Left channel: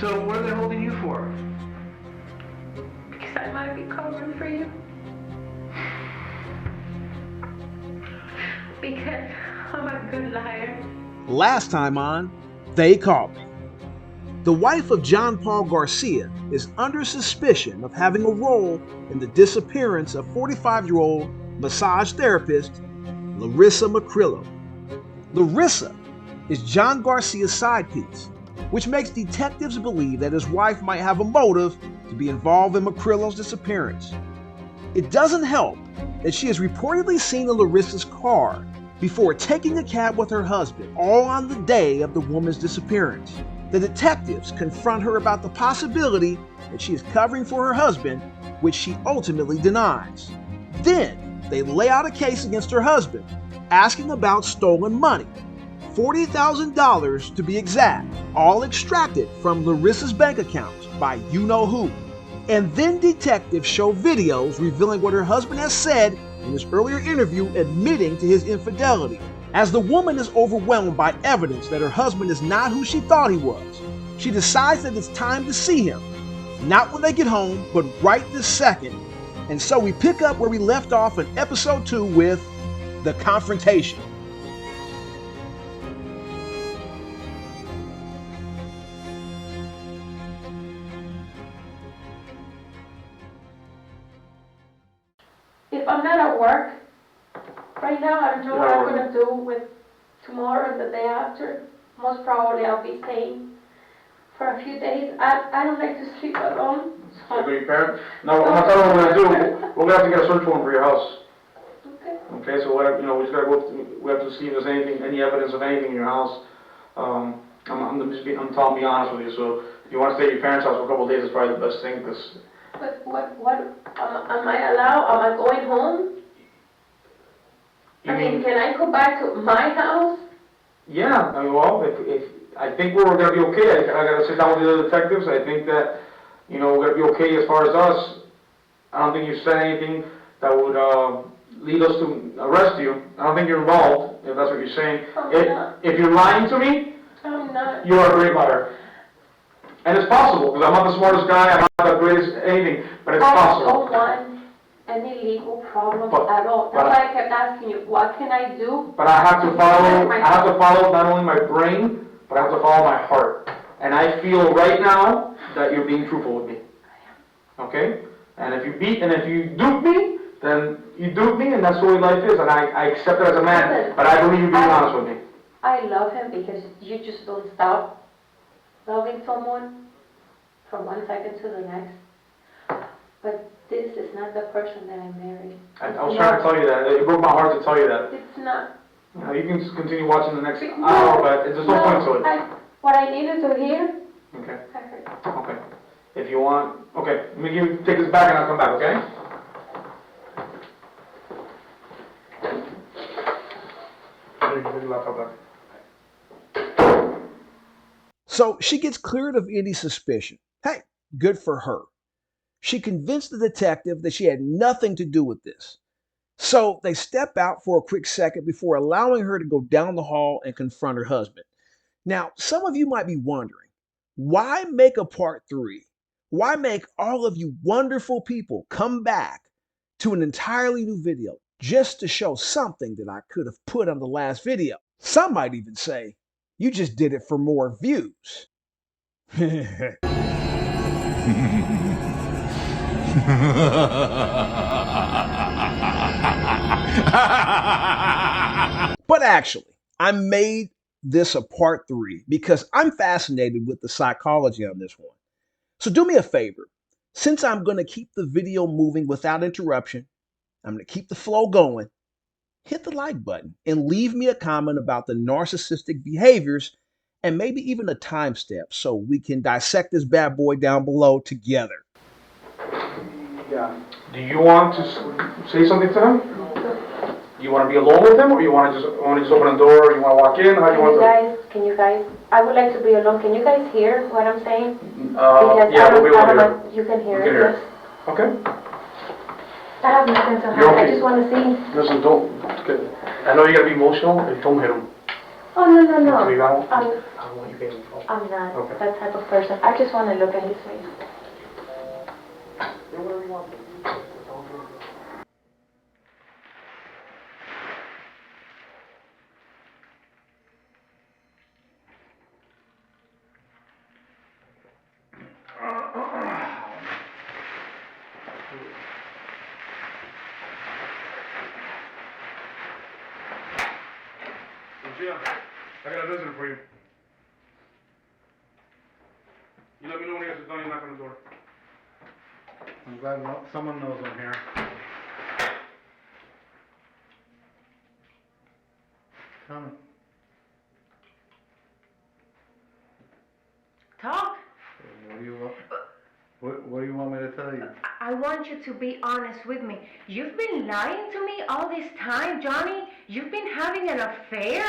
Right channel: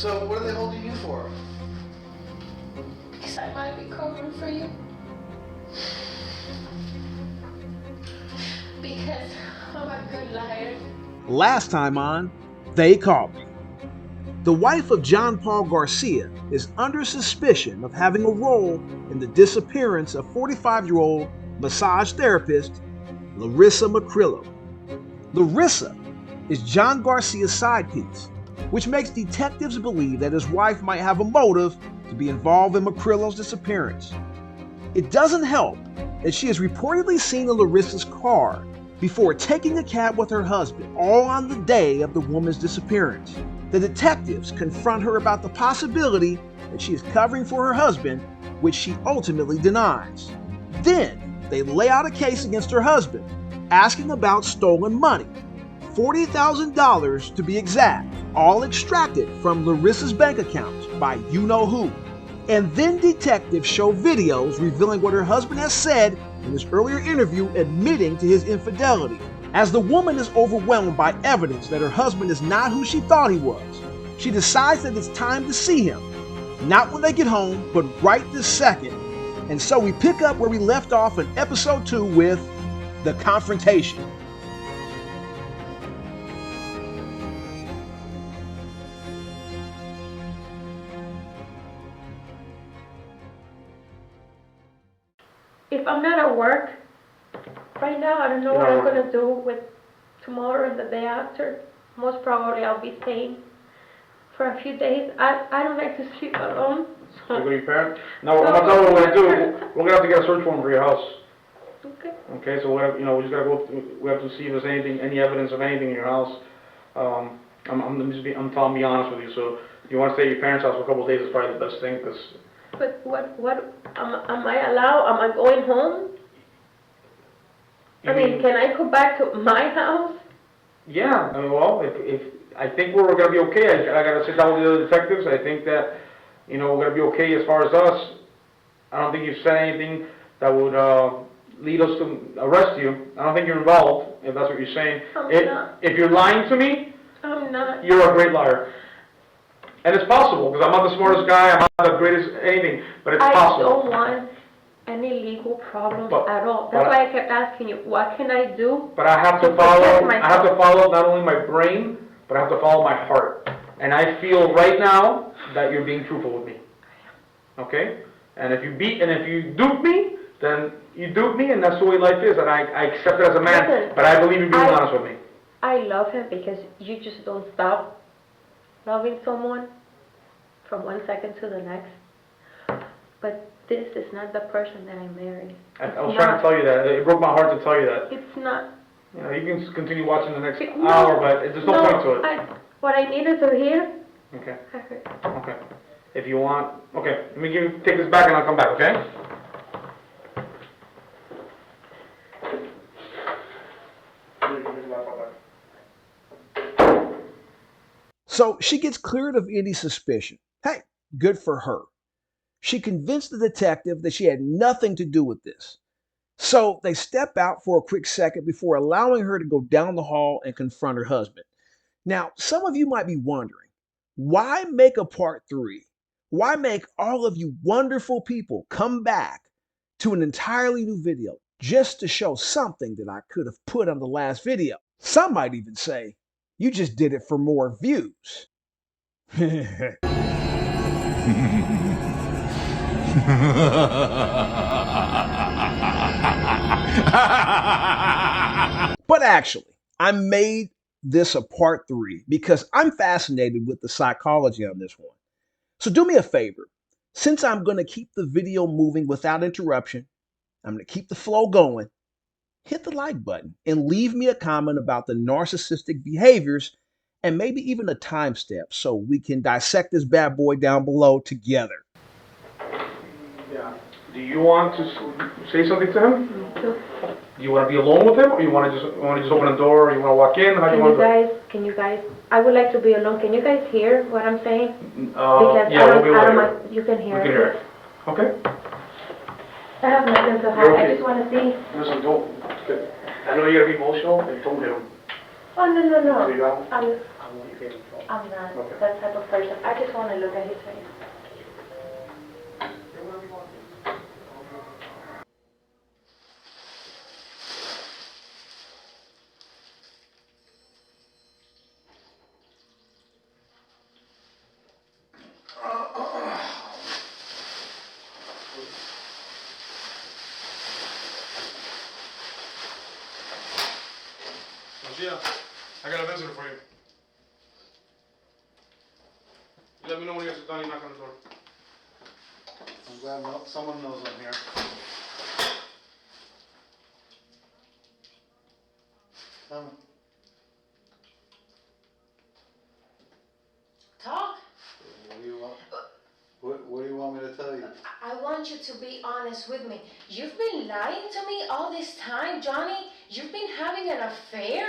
So what are they holding you for? Because I might be covering for you. Because I'm a good liar. Last time on They Called Me. The wife of John Paul Garcia is under suspicion of having a role in the disappearance of 45-year-old massage therapist Larissa Macrillo. Larissa is John Garcia's side piece, which makes detectives believe that his wife might have a motive to be involved in Macrillo's disappearance. It doesn't help that she is reportedly seen in Larissa's car before taking a cab with her husband, all on the day of the woman's disappearance. The detectives confront her about the possibility that she is covering for her husband, which she ultimately denies. Then they lay out a case against her husband, asking about stolen money, $40,000 to be exact, all extracted from Larissa's bank accounts by you-know-who. And then detectives show videos revealing what her husband has said in his earlier interview, admitting to his infidelity. As the woman is overwhelmed by evidence that her husband is not who she thought he was, she decides that it's time to see him. Not when they get home, but right this second. And so we pick up where we left off in episode 2 with the confrontation. If I'm not at work right now, I don't know what I'm going to do with tomorrow and the day after. Most probably I'll be staying for a few days. I don't like to sleep alone. So. You go to your parents? No, I'm not telling you what we're going to do. We're going to have to get a search warrant for your house. Okay. Okay, so we just got to go through, we have to see if there's any evidence of anything in your house. I'm telling be honest with you. So if you want to stay at your parents' house for a couple of days, it's probably the best thing, because... But what am I allowed? Am I going home? Can I go back to my house? Yeah, well, if I think we're going to be okay. I got to sit down with the other detectives. I think that, we're going to be okay as far as us. I don't think you've said anything that would lead us to arrest you. I don't think you're involved, if that's what you're saying. If you're lying to me, I'm not. You're a great liar. And it's possible, because I'm not the smartest guy, I'm not the greatest anything, but it's possible. I don't want any legal problems at all. That's why I kept asking you, what can I do? But I have to follow not only my brain, but I have to follow my heart. And I feel right now that you're being truthful with me. Okay? And if you dupe me, then you dupe me, and that's the way life is, and I accept it as a man. Listen, but I believe you're being honest with me. I love him because you just don't stop loving someone from one second to the next. But this is not the person that I married. I was trying to tell you that. It broke my heart to tell you that. It's not. You can continue watching the next hour, but there's no point to it. What I needed to hear, okay. I heard. Okay. If you want, okay, let me take this back and I'll come back, okay? So she gets cleared of any suspicion. Hey, good for her. She convinced the detective that she had nothing to do with this. So they step out for a quick second before allowing her to go down the hall and confront her husband. Now, some of you might be wondering, why make a part 3? Why make all of you wonderful people come back to an entirely new video just to show something that I could have put on the last video? Some might even say, you just did it for more views. But actually, I made this a part 3 because I'm fascinated with the psychology on this one. So do me a favor. Since I'm going to keep the video moving without interruption, I'm going to keep the flow going. Hit the like button and leave me a comment about the narcissistic behaviors and maybe even a timestamp so we can dissect this bad boy down below together. Yeah. Do you want to say something to him? Do you want to be alone with him, or you want to just open the door, or you want to walk in? How do you want to? Can you guys? I would like to be alone. Can you guys hear what I'm saying? Yeah, we'll be able to hear. You can hear. We can hear. Okay. I have nothing to hide. I just want to see. Listen, don't. Okay. I know you're gonna be emotional. Don't hit him. Oh no. So you don't. when you came home? I'm not Okay. that type of person. I just want to look at his face. Do whatever you want. Lucia, I got a visitor for you. You let me know when you guys are done, you knock on the door. I'm glad someone knows I'm here. Tell me. Talk. What do you want me to tell you? I want you to be honest with me. You've been lying to me all this time, Johnny. You've been having an affair.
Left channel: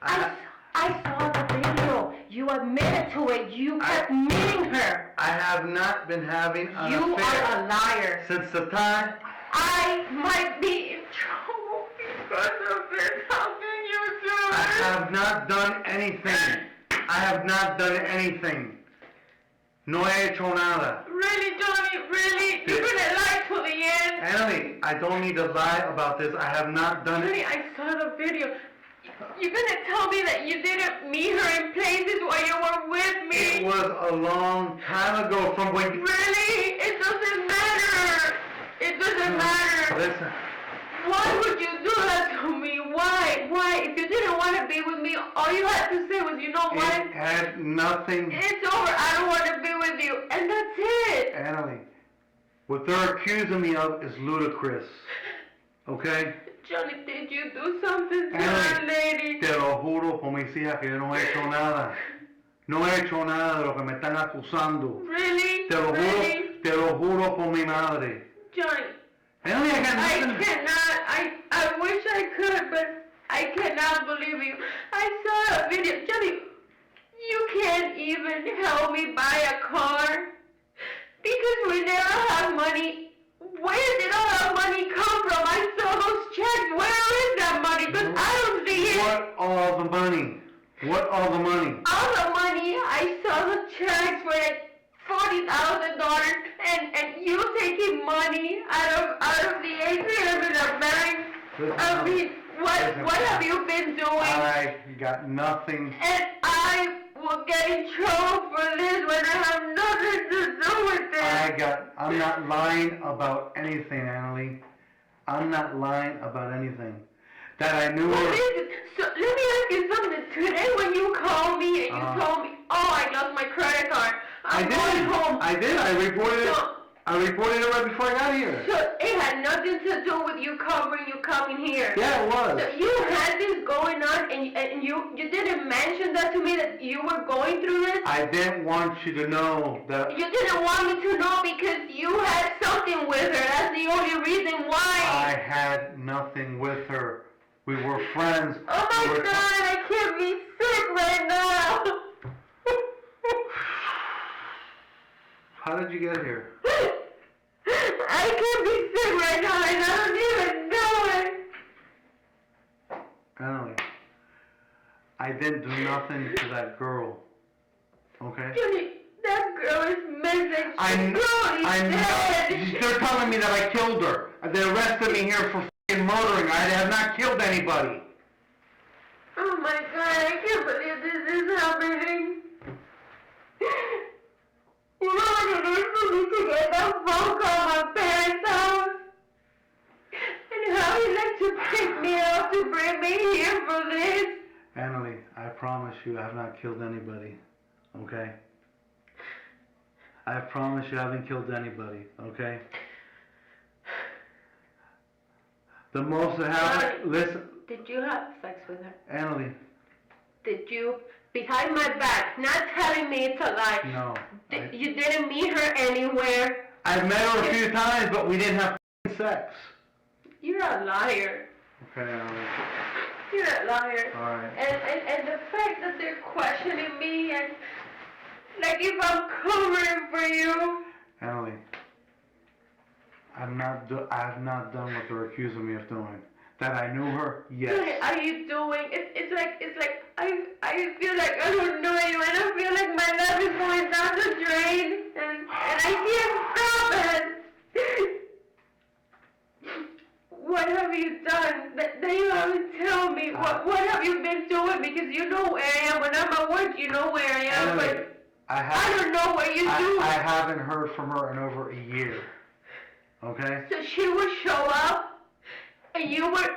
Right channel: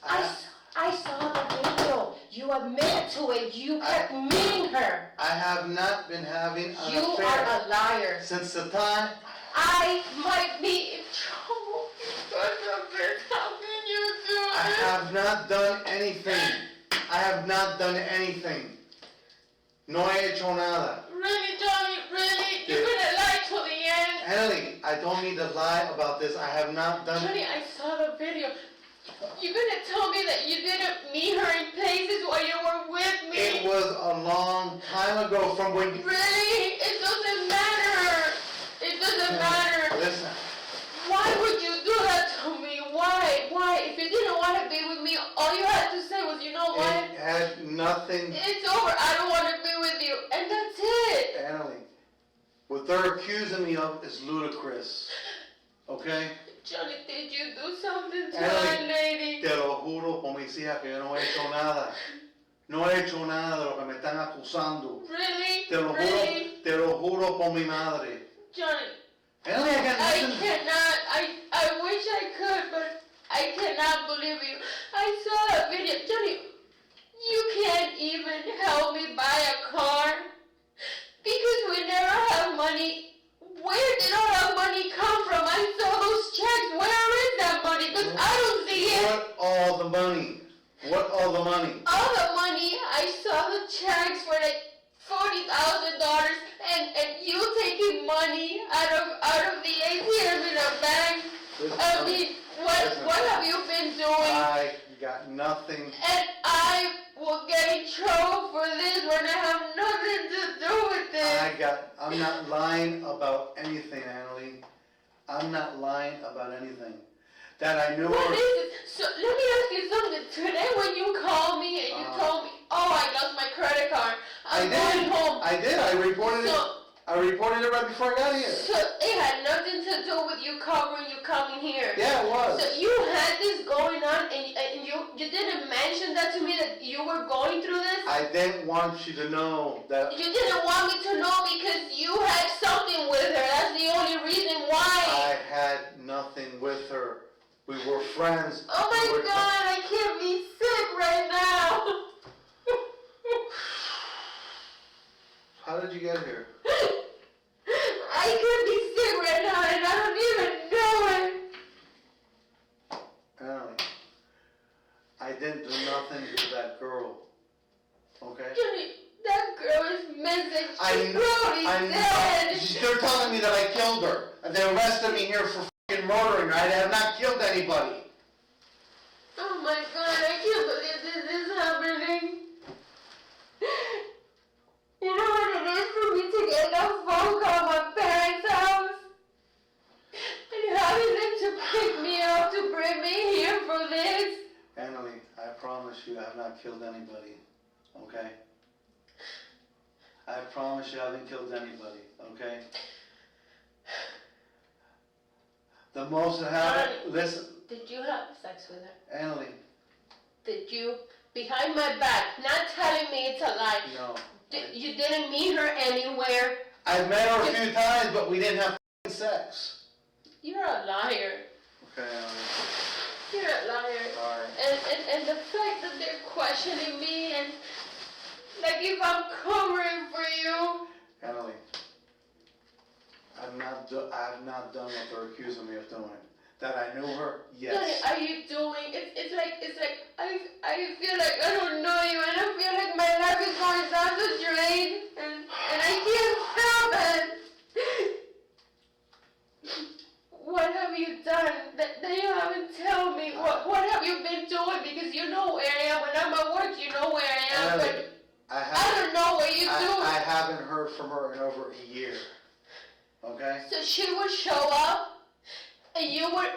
I saw the video. You admitted to it. You kept meeting her. I have not been having an You affair. are a liar. Since the time I might be in trouble because of this. How can you do I this? have not done anything. I have not done anything. No he hecho nada. Really, Johnny? Really? You're gonna lie to the end? Annalie, I don't need to lie about this. I have not done Johnny, it. I saw the video. You're gonna tell me that you didn't meet her in places while you were with me? It was a long time ago from when... Really? It doesn't matter. It doesn't matter. Listen. Why would you do that to me? Why? Why? If you didn't want to be with me, all you had to say was, you know what? It had nothing... It's over. I don't want to be with you. And that's it. Annalie, what they're accusing me of is ludicrous. Okay? Johnny, did you do something to Annalie, that lady? te lo juro por mis hijas que yo no he hecho nada. No he hecho nada de lo que me están acusando. Really? Te lo Really? juro por mi madre. Johnny, Annalie, I got I nothing. cannot. I wish I could, but I cannot believe you. I saw a video. Johnny, you can't even help me buy a car because we never have money. Where did all that money come from? I saw those checks. Where is that money? Because I don't see it. What all the money? What all the money? All the money, I saw the checks for like $40,000 and you taking money out of the ATM in the bank. Listen, I mean, what have you been doing? I got nothing. And I will get in trouble for this when I have nothing to do with it. I'm not lying about anything, Annalie. I'm not lying about anything. That I knew What her. is it? So let me ask you something. Today when you called me and you told me, oh, I lost my credit card. I'm going home. I did. I reported it. So- I reported it right before I got here. So it had nothing to do with you covering you coming here. Yeah, it was. So you had this going on and you didn't mention that to me that you were going through this? I didn't want you to know that. You didn't want me to know because you had something with her. That's the only reason why. I had nothing with her. We were friends. Oh my God, I can't be sick right now. How did you get here? I can't be sick right now and I don't even know it. Annalie, I didn't do nothing to that girl. Okay? Judy, that girl is missing. I'm dead. They're telling me that I killed her. They arrested me here for f***ing murdering her. I have not killed anybody. Oh my God, I can't believe this is happening. You know what it is for me to get that phone call at my parents' house? And having them to pick me up to bring me here for this? Annalie, I promise you I have not killed anybody. Okay? I promise you I haven't killed anybody. Okay? The most that happened... Listen, Did you have sex with her? Annalie, Did you, behind my back, not telling me it's a lie? no. You didn't meet her anywhere? I met her a few times, but we didn't have f***ing sex. You're a liar. Okay, Annalie. You're a liar. Sorry. And the fact that they're questioning me and like if I'm covering for you. Annalie, I have not done what they're accusing me of doing. That I knew her? Yes. What are you doing? It's like I feel like I don't know you, and I feel like my life is going down the drain, and I can't stop it. What have you done that you haven't tell me? What have you been doing? Because you know where I am. When I'm at work, you know where I am, but I don't know what you do. I haven't heard from her in over a year. Okay? So she would show up, and you would...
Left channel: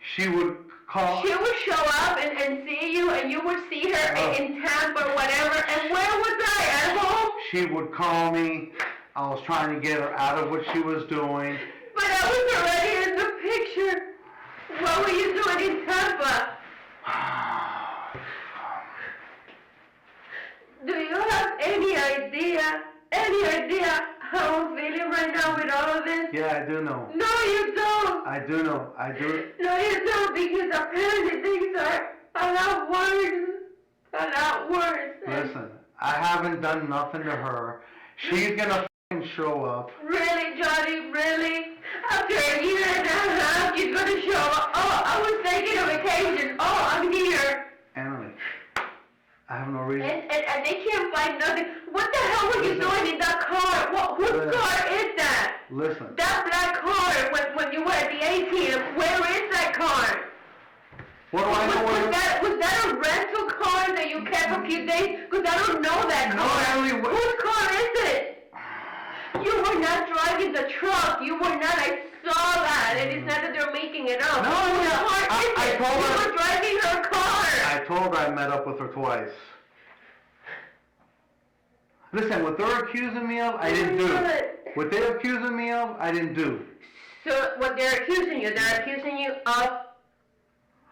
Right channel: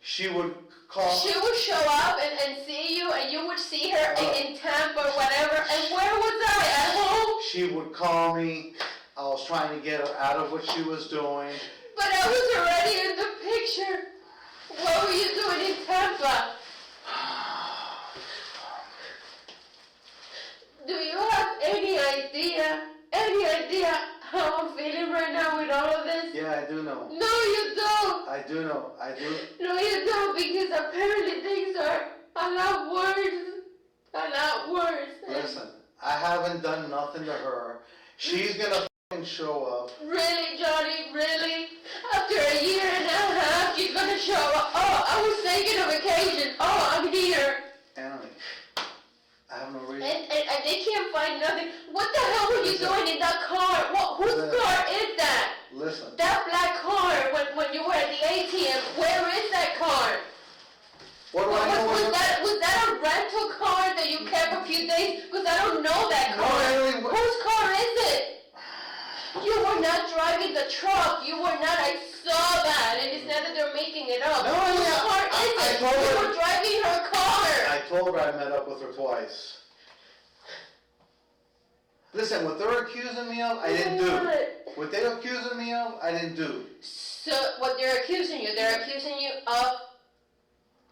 She would call... She would show up and see you, and you would see her in Tampa or whatever, and where was I? At home? She would call me. I was trying to get her out of what she was doing. But I was already in the picture. What were you doing in Tampa? Do you have any idea how I'm feeling right now with all of this? Yeah, I do know. No, you don't. I do know. I do. No, you don't, because apparently things are a lot worse. A lot worse. Listen, I haven't done nothing to her. She's gonna fucking show up. Really, Johnny? Really? After a year and a half, she's gonna show up. Oh, I was taking a vacation. Oh, I'm here. Emily, I have no reason. And they can't find nothing. What the hell were you doing in that car? Whose car is that? Listen. That black car when you were at the ATM. Where is that car? What do I know? Was that a rental car that you kept a few days? Because I don't know that car. No, Emily. Whose car is it? You were not driving the truck. You were not. I saw that. And it's not that they're making it up. No, Whose yeah. car is I it? told her. You were driving her car. I told her I met up with her twice. Listen, what they're accusing me of, I didn't do. What they're accusing me of, I didn't do. So what they're accusing you of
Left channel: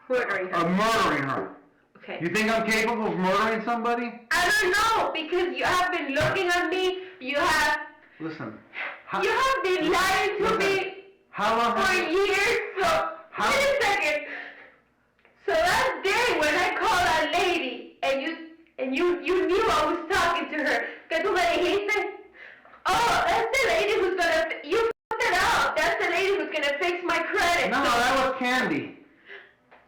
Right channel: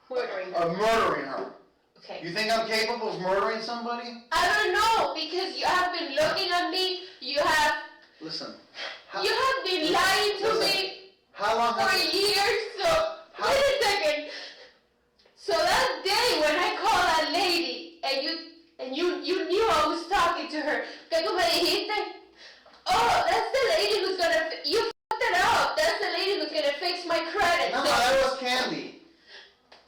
murdering her. Of murdering her. Okay. You think I'm capable of murdering somebody? I don't know, because you have been looking at me. You have Listen. been lying to me How long for have you... years. So wait a second. So that day when I called that lady and you knew I was talking to her, que tú me dijiste, oh, that's the lady who's gonna, you fucked it up. That's the lady who's gonna fix my credit. No, that was Candy.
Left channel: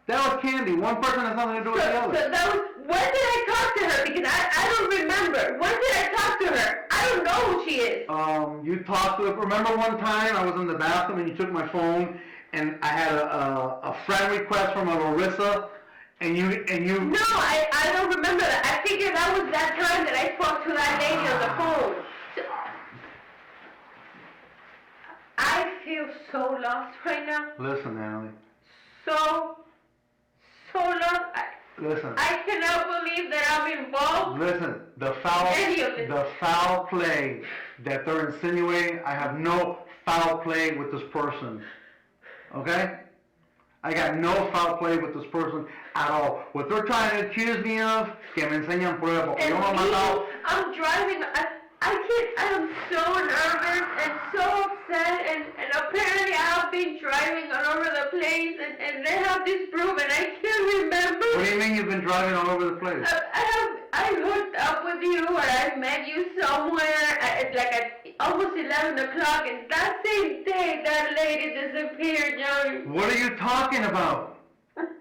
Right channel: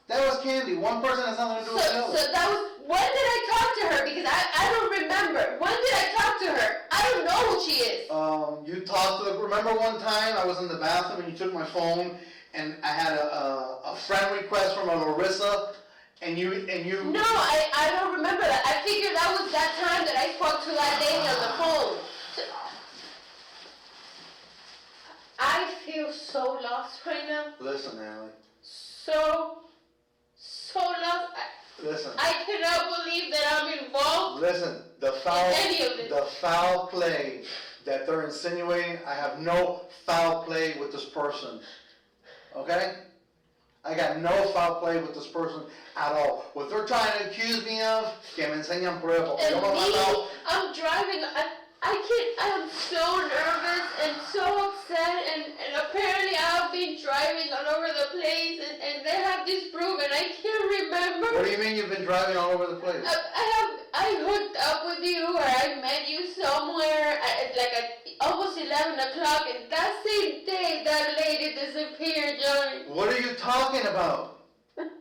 That was Candy. One person has nothing to do with the other. So that was, when did I talk to her? Because I don't remember. When did I talk to her? I don't know who she is. You talked to her. Remember one time I was in the bathroom and you took my phone and I had a friend request from a Larissa and you... No, I don't remember that. I figured that was that time that I spoke to that lady on the phone. So, I feel so lost right now. Listen, Emily. So lost. Listen. I cannot believe that I'm involved. Listen, the Any of this. foul play that they're insinuating, I have no foul play with this person. Okay? I got no foul play with this person at all. What they're trying to accuse me of, que me enseñan pruebas. Porque And yo no he matado. me, I'm driving, I'm so nervous and so upset, and apparently I have been driving all over the place, and they have this proof, and I can't remember. What do you mean you've been driving all over the place? I hooked up with you, or I met you somewhere at almost 11 o'clock, and that same day, that lady disappeared, Johnny. What are you talking about?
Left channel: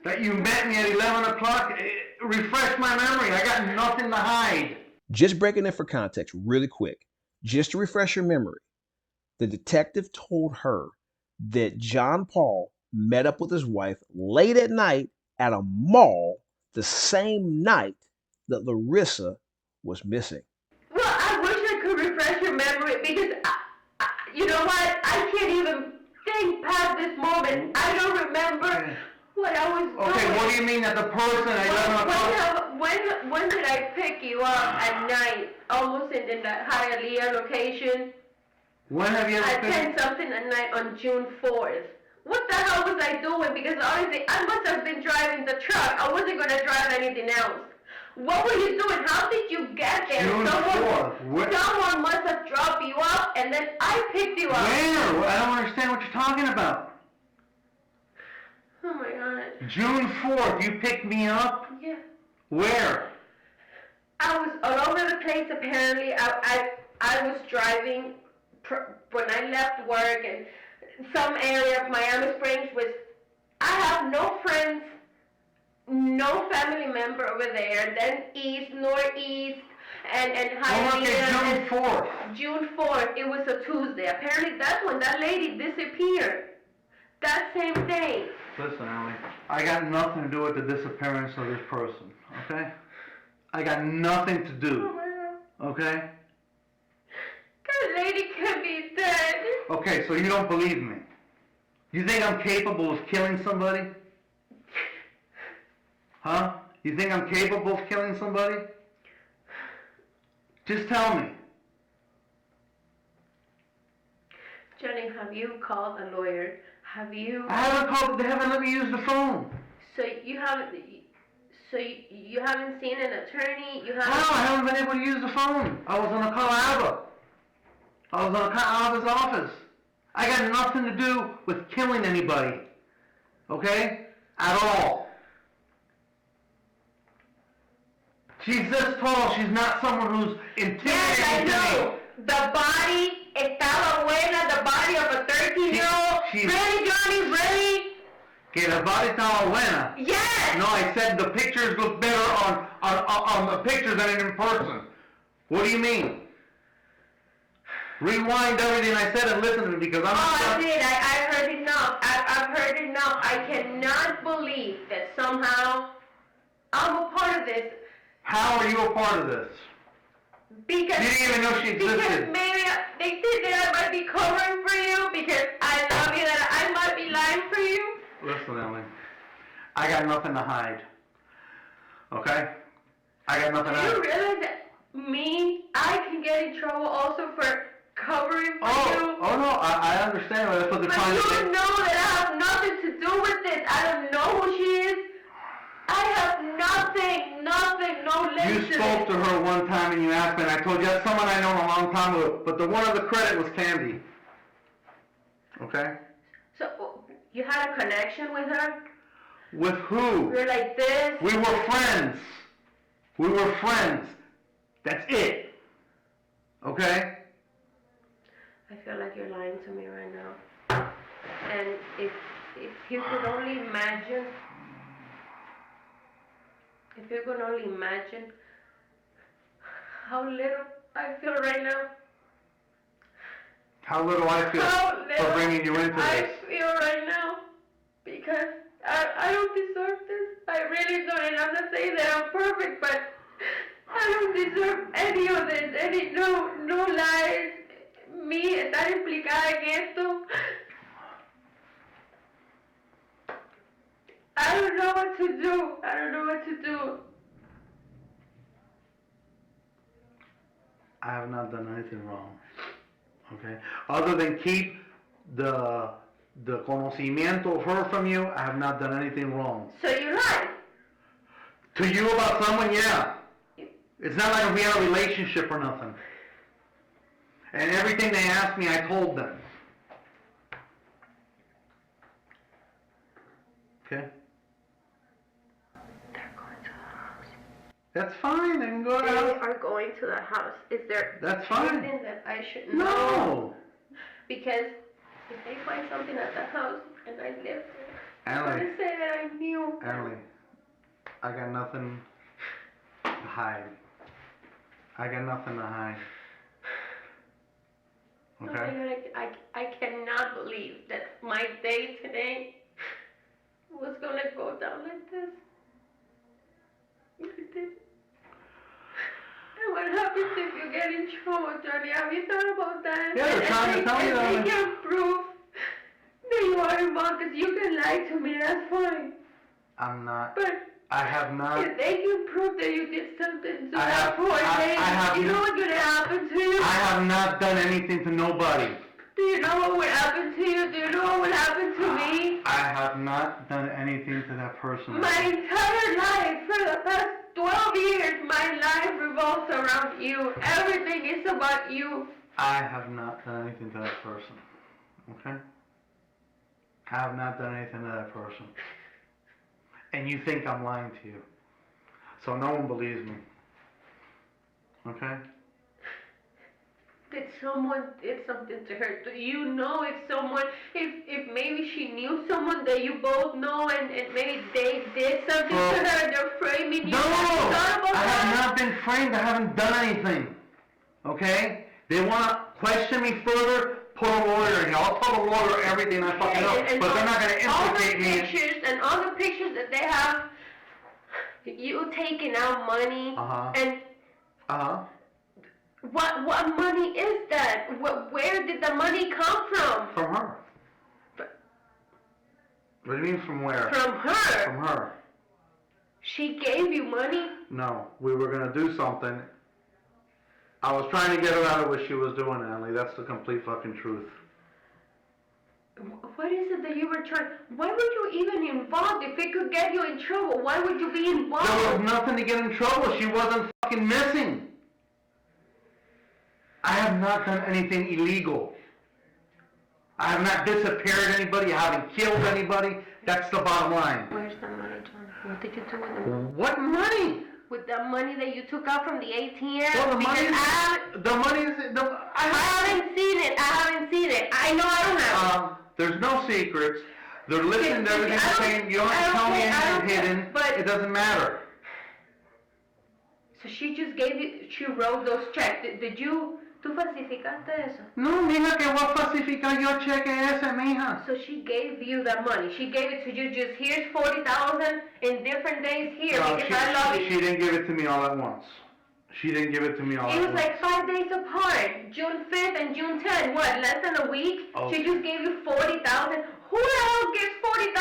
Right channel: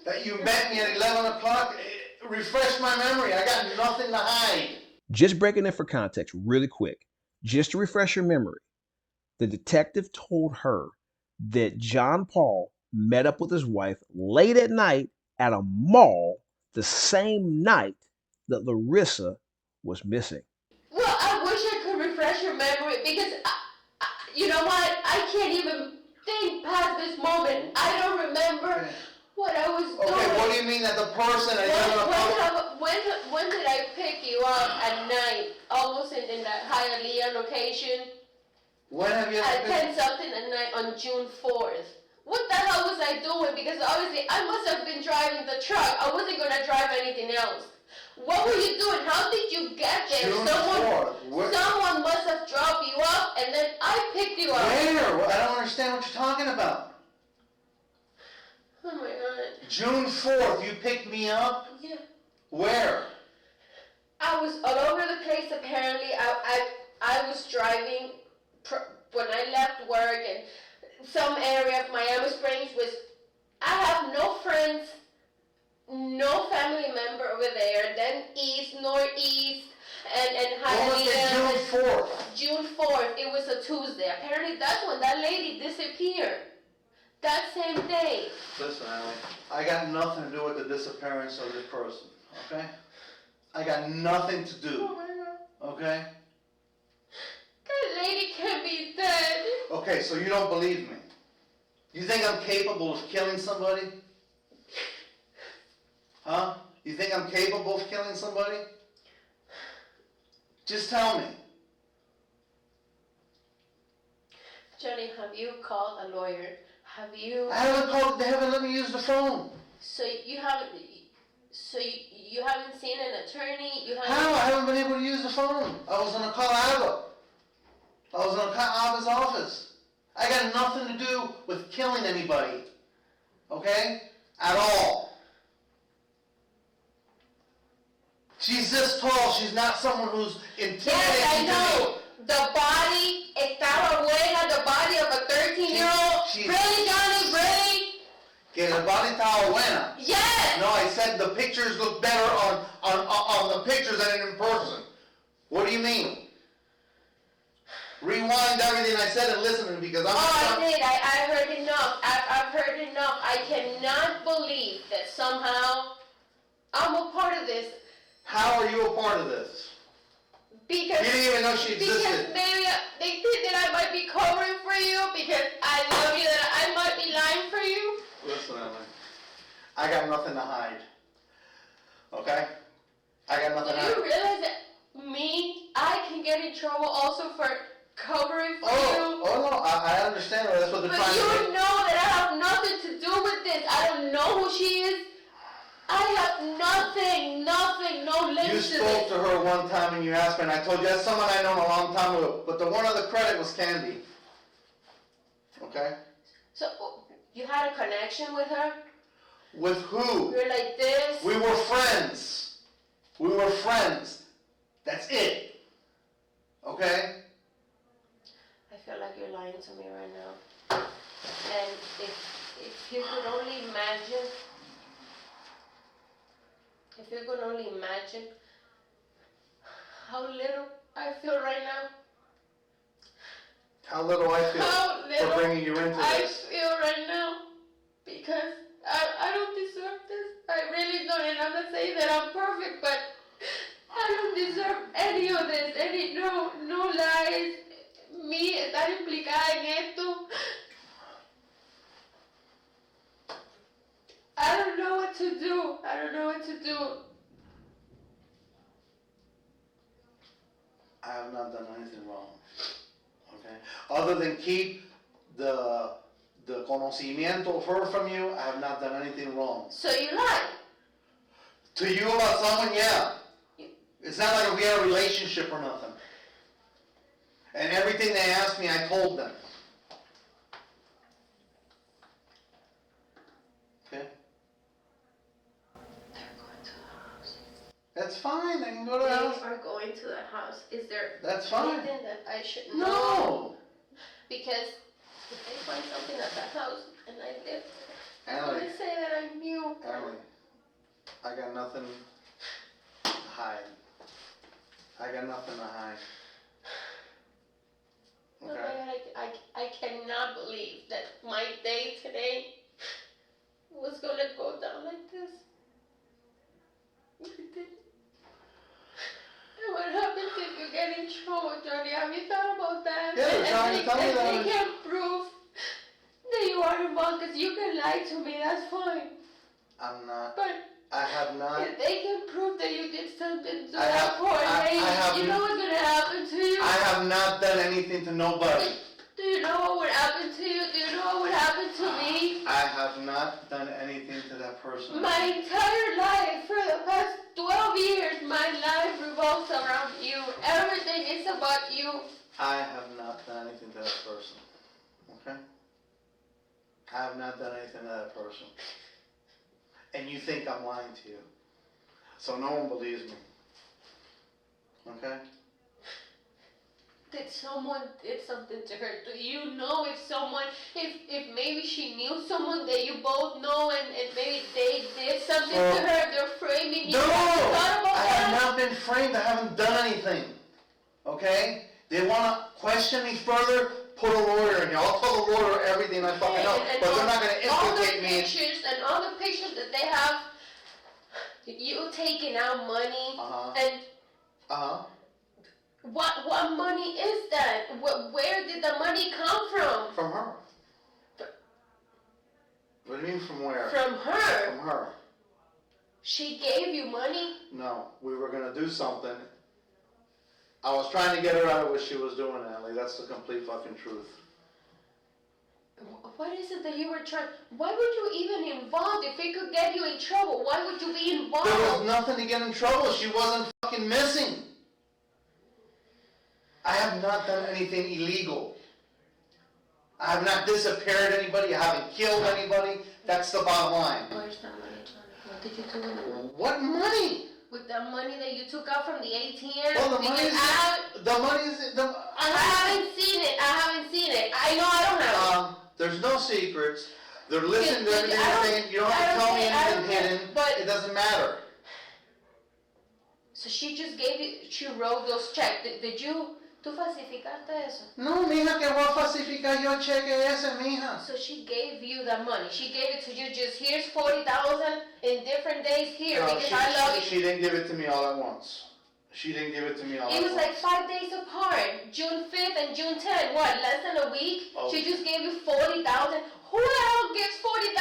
That you met me at 11 o'clock? Refresh my memory. I got nothing to hide. Just breaking it for context really quick, just to refresh your memory, the detective told her that John Paul met up with his wife late at night at a mall the same night that Larissa was missing. Well, I wish I could refresh your memory, because, you know what, I can't even think past this moment. I don't remember what I was doing. Okay, what do you mean that the person at 11 o'clock... When did I pick you up at night, almost in the Hialeah location? When have you At ever 10 something at night on June 4th. What the hell was I doing? Because obviously I must have been driving the truck. I wasn't going to drive anything else. What were you doing? How did you get there? June 4th. Someone must have dropped you up, and then I picked you up. Where? I don't understand what you're talking about. Oh my God. June 4th, you picked me up? Yeah. Where? I was all over the place, apparently. I was driving when I left work, and some area of Miami Springs was I have no friends, no family member over there, then east, northeast, and What was it, Hialeah. June 4th? June 4th, it was a Tuesday. Apparently that's when that lady disappeared. That same day. Listen, Allie, I got nothing to do with the disappearance of this person, okay? I got nothing to do, Oh my God. okay? That lady can be dead. Okay, so you don't believe me. You think I'm capable of killing somebody? Huh? You think I'm capable of killing somebody? Just tell me. Johnny, have you called a lawyer? Have you? I haven't called, they haven't let me use the phone. So you haven't seen an attorney? You haven't? How? I haven't been able to use the phone. I was gonna call Alva. I was gonna call Alva's office. I got nothing to do with killing anybody. Okay? At all. She's this tall. She's not someone who's intimidating. Yes, I know. The body, estaba buena, the body of a 13-year-old. She's- Really, Johnny, really? Que la body estaba buena. Yes! No, I said the pictures look better on the picture than in person. What do you mean? Rewind everything I said and listen to me because I'm not Oh, I did. I've heard enough. I've heard enough. I cannot believe that somehow I'm a part of this. How are you a part of this? Because You didn't even know she because existed. maybe they think that I might be covering for you because I love you, that I might be lying for you. Listen, Ellie. I got nothing to hide. Okay? I got nothing to Do you hide. realize that I can get in trouble also for covering for Oh you? no, I understand. That's what they're But trying to you do. know that I have nothing to do with this. I don't know who she is. I have nothing, no link You to spoke to this. her one time and you asked me, and I told you that's someone I know a long time ago. But the one of the credit was Candy. Okay? So you had a connection with her? With who? You're like this? We were friends. We were friends. That's it. Okay? I feel like you're lying to me right now. And if you could only imagine, how little I feel right now. How little I feel How for little bringing you into I this. feel right now. Because I don't deserve this. I really don't. And I'm not saying that I'm perfect, but I don't deserve any of this. No lies. Me estar implicada en esto. I don't know what to do. I have not done anything wrong. Okay? Other than keep the conocimiento of her from you, I have not done anything wrong. So you lied. To you about someone, yeah. It's not like we had a relationship or nothing. And everything they asked me, I told them. Okay? They're going to the house. That's fine, they can go to They the house. are going to the house. Is there That's fine. anything that I should know? No! Because if they find something at the house and I live there, I'm Allie, gonna say that I knew. Allie, I got nothing to hide. I got nothing to hide. Oh my Okay? God, I cannot believe that my day today was gonna go down like this. It did. And what happens if you get in trouble, Johnny? Have you thought about that? Yeah, they're trying to tell me and that. they can prove that you are involved, because you can lie to me, that's fine. I'm not. But I have not. if they can prove that you did something to I that have- poor I lady, have you know what's gonna happen to you? I have not done anything to nobody. Do you know what would happen to you? Do you know what would happen to me? I have not done anything to that person. My entire life, for the past 12 years, my life revolves around you. Everything is about you. I have not done anything to that person. Okay? I have not done anything to that person. And you think I'm lying to you. So no one believes me. Okay? that someone did something to her? Do you know if someone, if maybe she knew someone that you both know and maybe they did something to her, they're framing you? No! Have you thought about I that? have not been framed. I haven't done anything. Okay? They want to question me further, put a lawyer in here. I'll tell the lawyer everything I fucking know, And but they're not going to implicate me. All the pictures that they have, you taking out money, Uh-huh. and Uh-huh. what money is that? Where did the money come from? From her. What do you mean from where? From her. From her. She gave you money? No, we were going to do something. I was trying to get her out of what she was doing, Natalie. That's the complete fucking truth. What is it that you were trying? Why would you even involved if it could get you in trouble? Why would you be involved? There was nothing to get in trouble. She wasn't fucking missing. I have not done anything illegal. I have not disappeared anybody. I haven't killed anybody. That's the bottom line. Where's the money, John? What did you do with it? What money? With the money that you took out from the ATM? Well, the Because money is... I I haven't seen it. I know I don't have it. There's no secrets. They're listening to everything I you're don't- saying. You don't I have to don't tell me care- I don't anything care, hidden. but- It doesn't matter. So she just gave you, she wrote those checks. Did you, tú falsificaste eso? No, mija, que voy a falsificar yo cheque ese, mija. So she gave you the money. She gave it to you just, here's 40,000 in different days here No, because I love you. she didn't give it to me all at once. She didn't give it to me all at It was once. like 5 days apart. June 5th and June 10th. What, less than a week? Oh. She just gave you 40,000. Who the hell gives 40,000?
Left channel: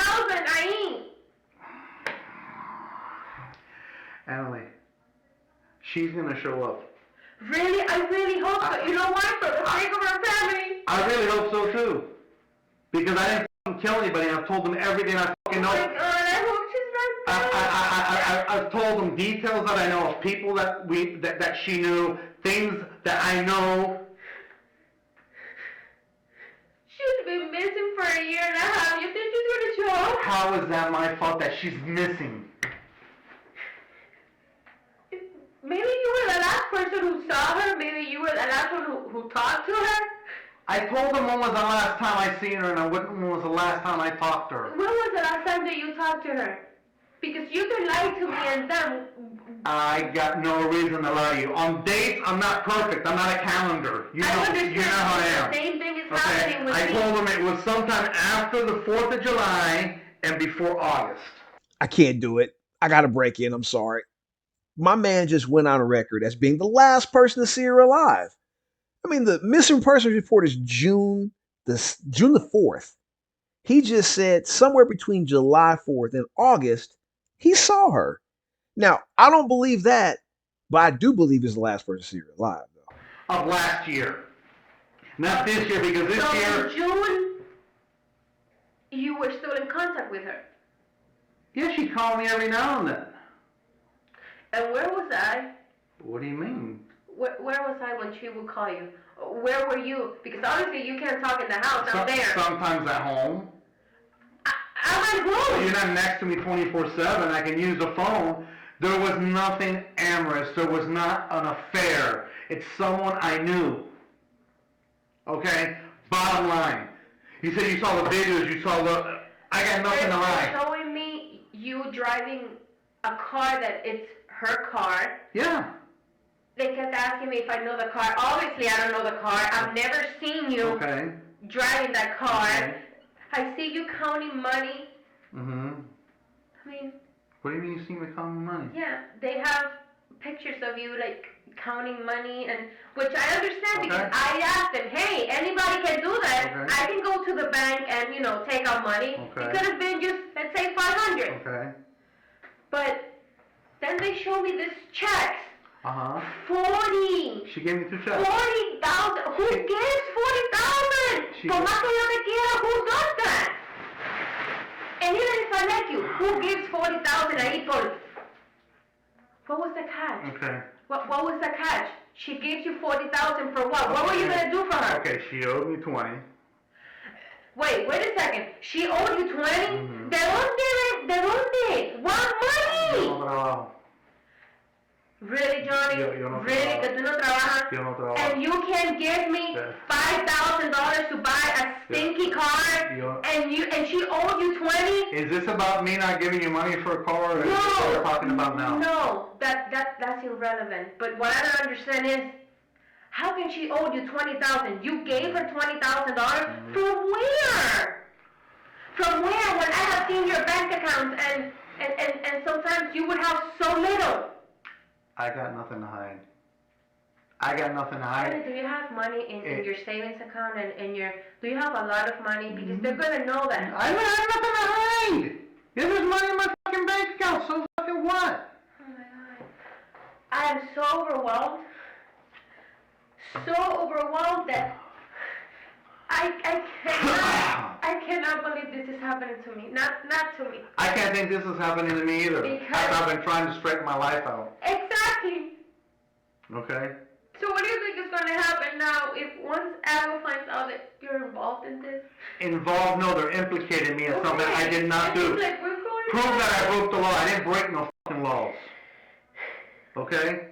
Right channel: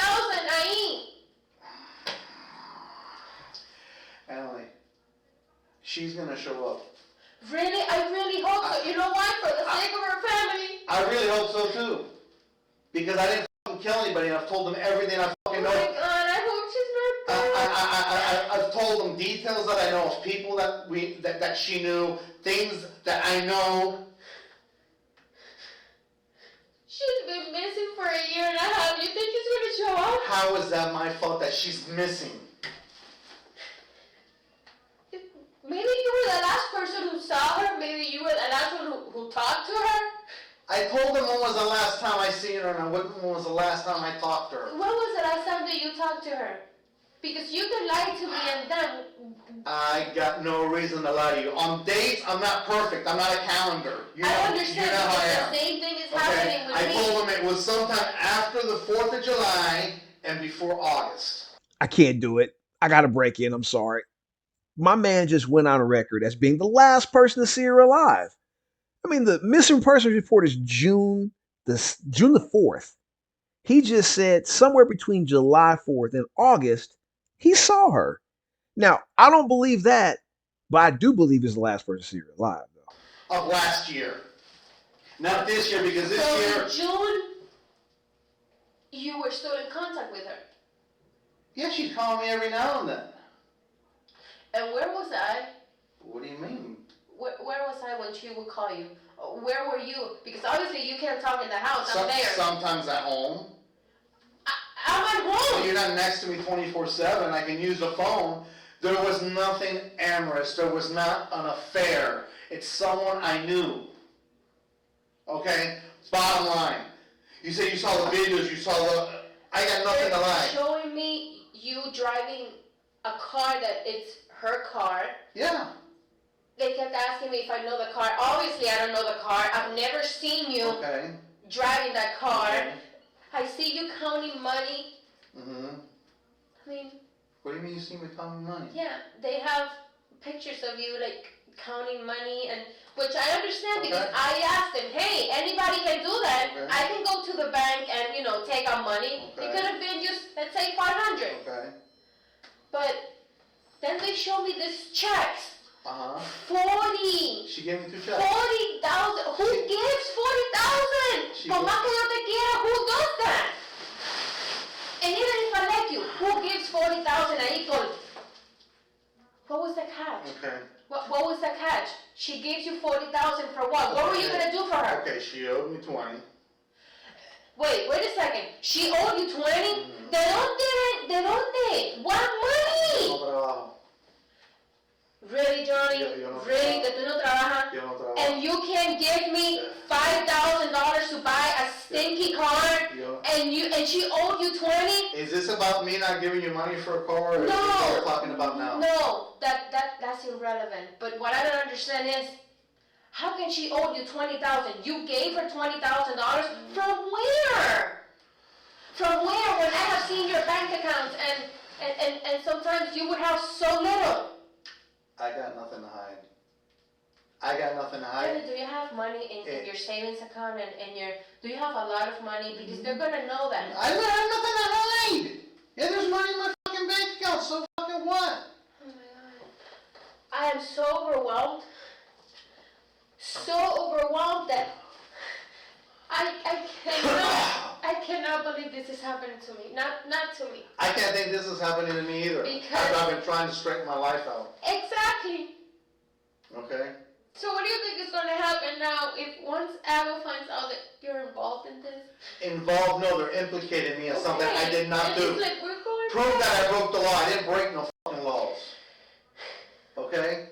I Emily, she's gonna show up. Really? I really hope so. You know why? For the sake of her family. I really hope so too. Because I didn't fucking kill anybody. I've told them everything I fucking Oh know. my God, I hope she's not dead. I've told them details that I know of people that she knew, things that I know. She's been missing for a year and a half. You think she's gonna show up? How is that my fault that she's missing? Maybe you were the last person who saw her. Maybe you were the last one who talked to her. I told them when was the last time I seen her and when was the last time I talked to her. When was the last time that you talked to her? Because you can lie to me and them. I got no reason to lie to you. On dates, I'm not perfect. I'm not a calendar. You know, I you understand. know how I am. The same thing is Okay? happening with I me. told them it was sometime after the 4th of July and before August. I can't do it. I got to break in. I'm sorry. My man just went on record as being the last person to see her alive. I mean, the missing persons report is June the 4th. He just said somewhere between July 4th and August, he saw her. Now, I don't believe that, but I do believe he's the last person to see her alive, though. Of last year. Not this year, because this So year... in June, you were still in contact with her. Yeah, she called me every now and then. And where was I? What do you mean? Where was I when she would call you? Where were you? Because obviously you can't talk in the house. I'm there. Sometimes at home. I'm at home. You're not next to me 24/7. I can use the phone. There was nothing amorous. There was not an affair. It's someone I knew. Okay? Bottom line. You said you saw the videos. You saw the... I got nothing to They're lie. showing me you driving a car that it's her car. Yeah. They kept asking me if I know the car. Obviously, I don't know the car. I've never seen you Okay. driving that car. Okay. I see you counting money. Mm-hmm. I mean, What do you mean you see me counting money? yeah, they have pictures of you like counting money, and which I understand because Okay. I asked them, hey, anybody can do that. Okay. I can go to the bank and take out money. Okay. It could have been just let's say 500. Okay. But then they show me this checks. Uh-huh. 40. She gave me 2 checks. 40,000. Who gives 40,000? She- Por más que yo te quiera, who does that? And even if I like you, who gives 40,000 ahí por? What was the catch? Okay. What was the catch? She gives you 40,000 for what? What were you gonna do for her? Okay, she owed me 20. Wait a second. She owed you 20? Mm-hmm. ¿De dónde? What Yo money? no trabajo. Really, Johnny? Yo no Really? trabajo. That you no trabajas? Yo no trabajo. And you can't can give me $5,000 to buy a stinky car, and she owed you 20? Is this about me not giving you money for a car, or is this what No, we're talking about now? no, that's irrelevant. But what I don't understand is, how can she owe you $20,000? You gave her $20,000 from where? From where? When I have seen your bank accounts, and sometimes you would have so little. I got nothing to hide. I got nothing to hide. Honey, do you have money in your savings account and do you have a lot of money? Because they're gonna know that. I don't have nothing to hide. Yeah, there's money in my fucking bank account, so fucking what? Oh my God. I am so overwhelmed. So overwhelmed that I cannot believe this is happening to me. Not to me. I can't think this is happening to me either. Because- I've been trying to straighten my life out. Exactly. Okay? So what do you think is gonna happen now if once Ava finds out that you're involved in this? Involved? No, they're implicating me in something I did not And do. it's like, we're going Prove back. that I broke the law. I didn't break no fucking laws. Okay?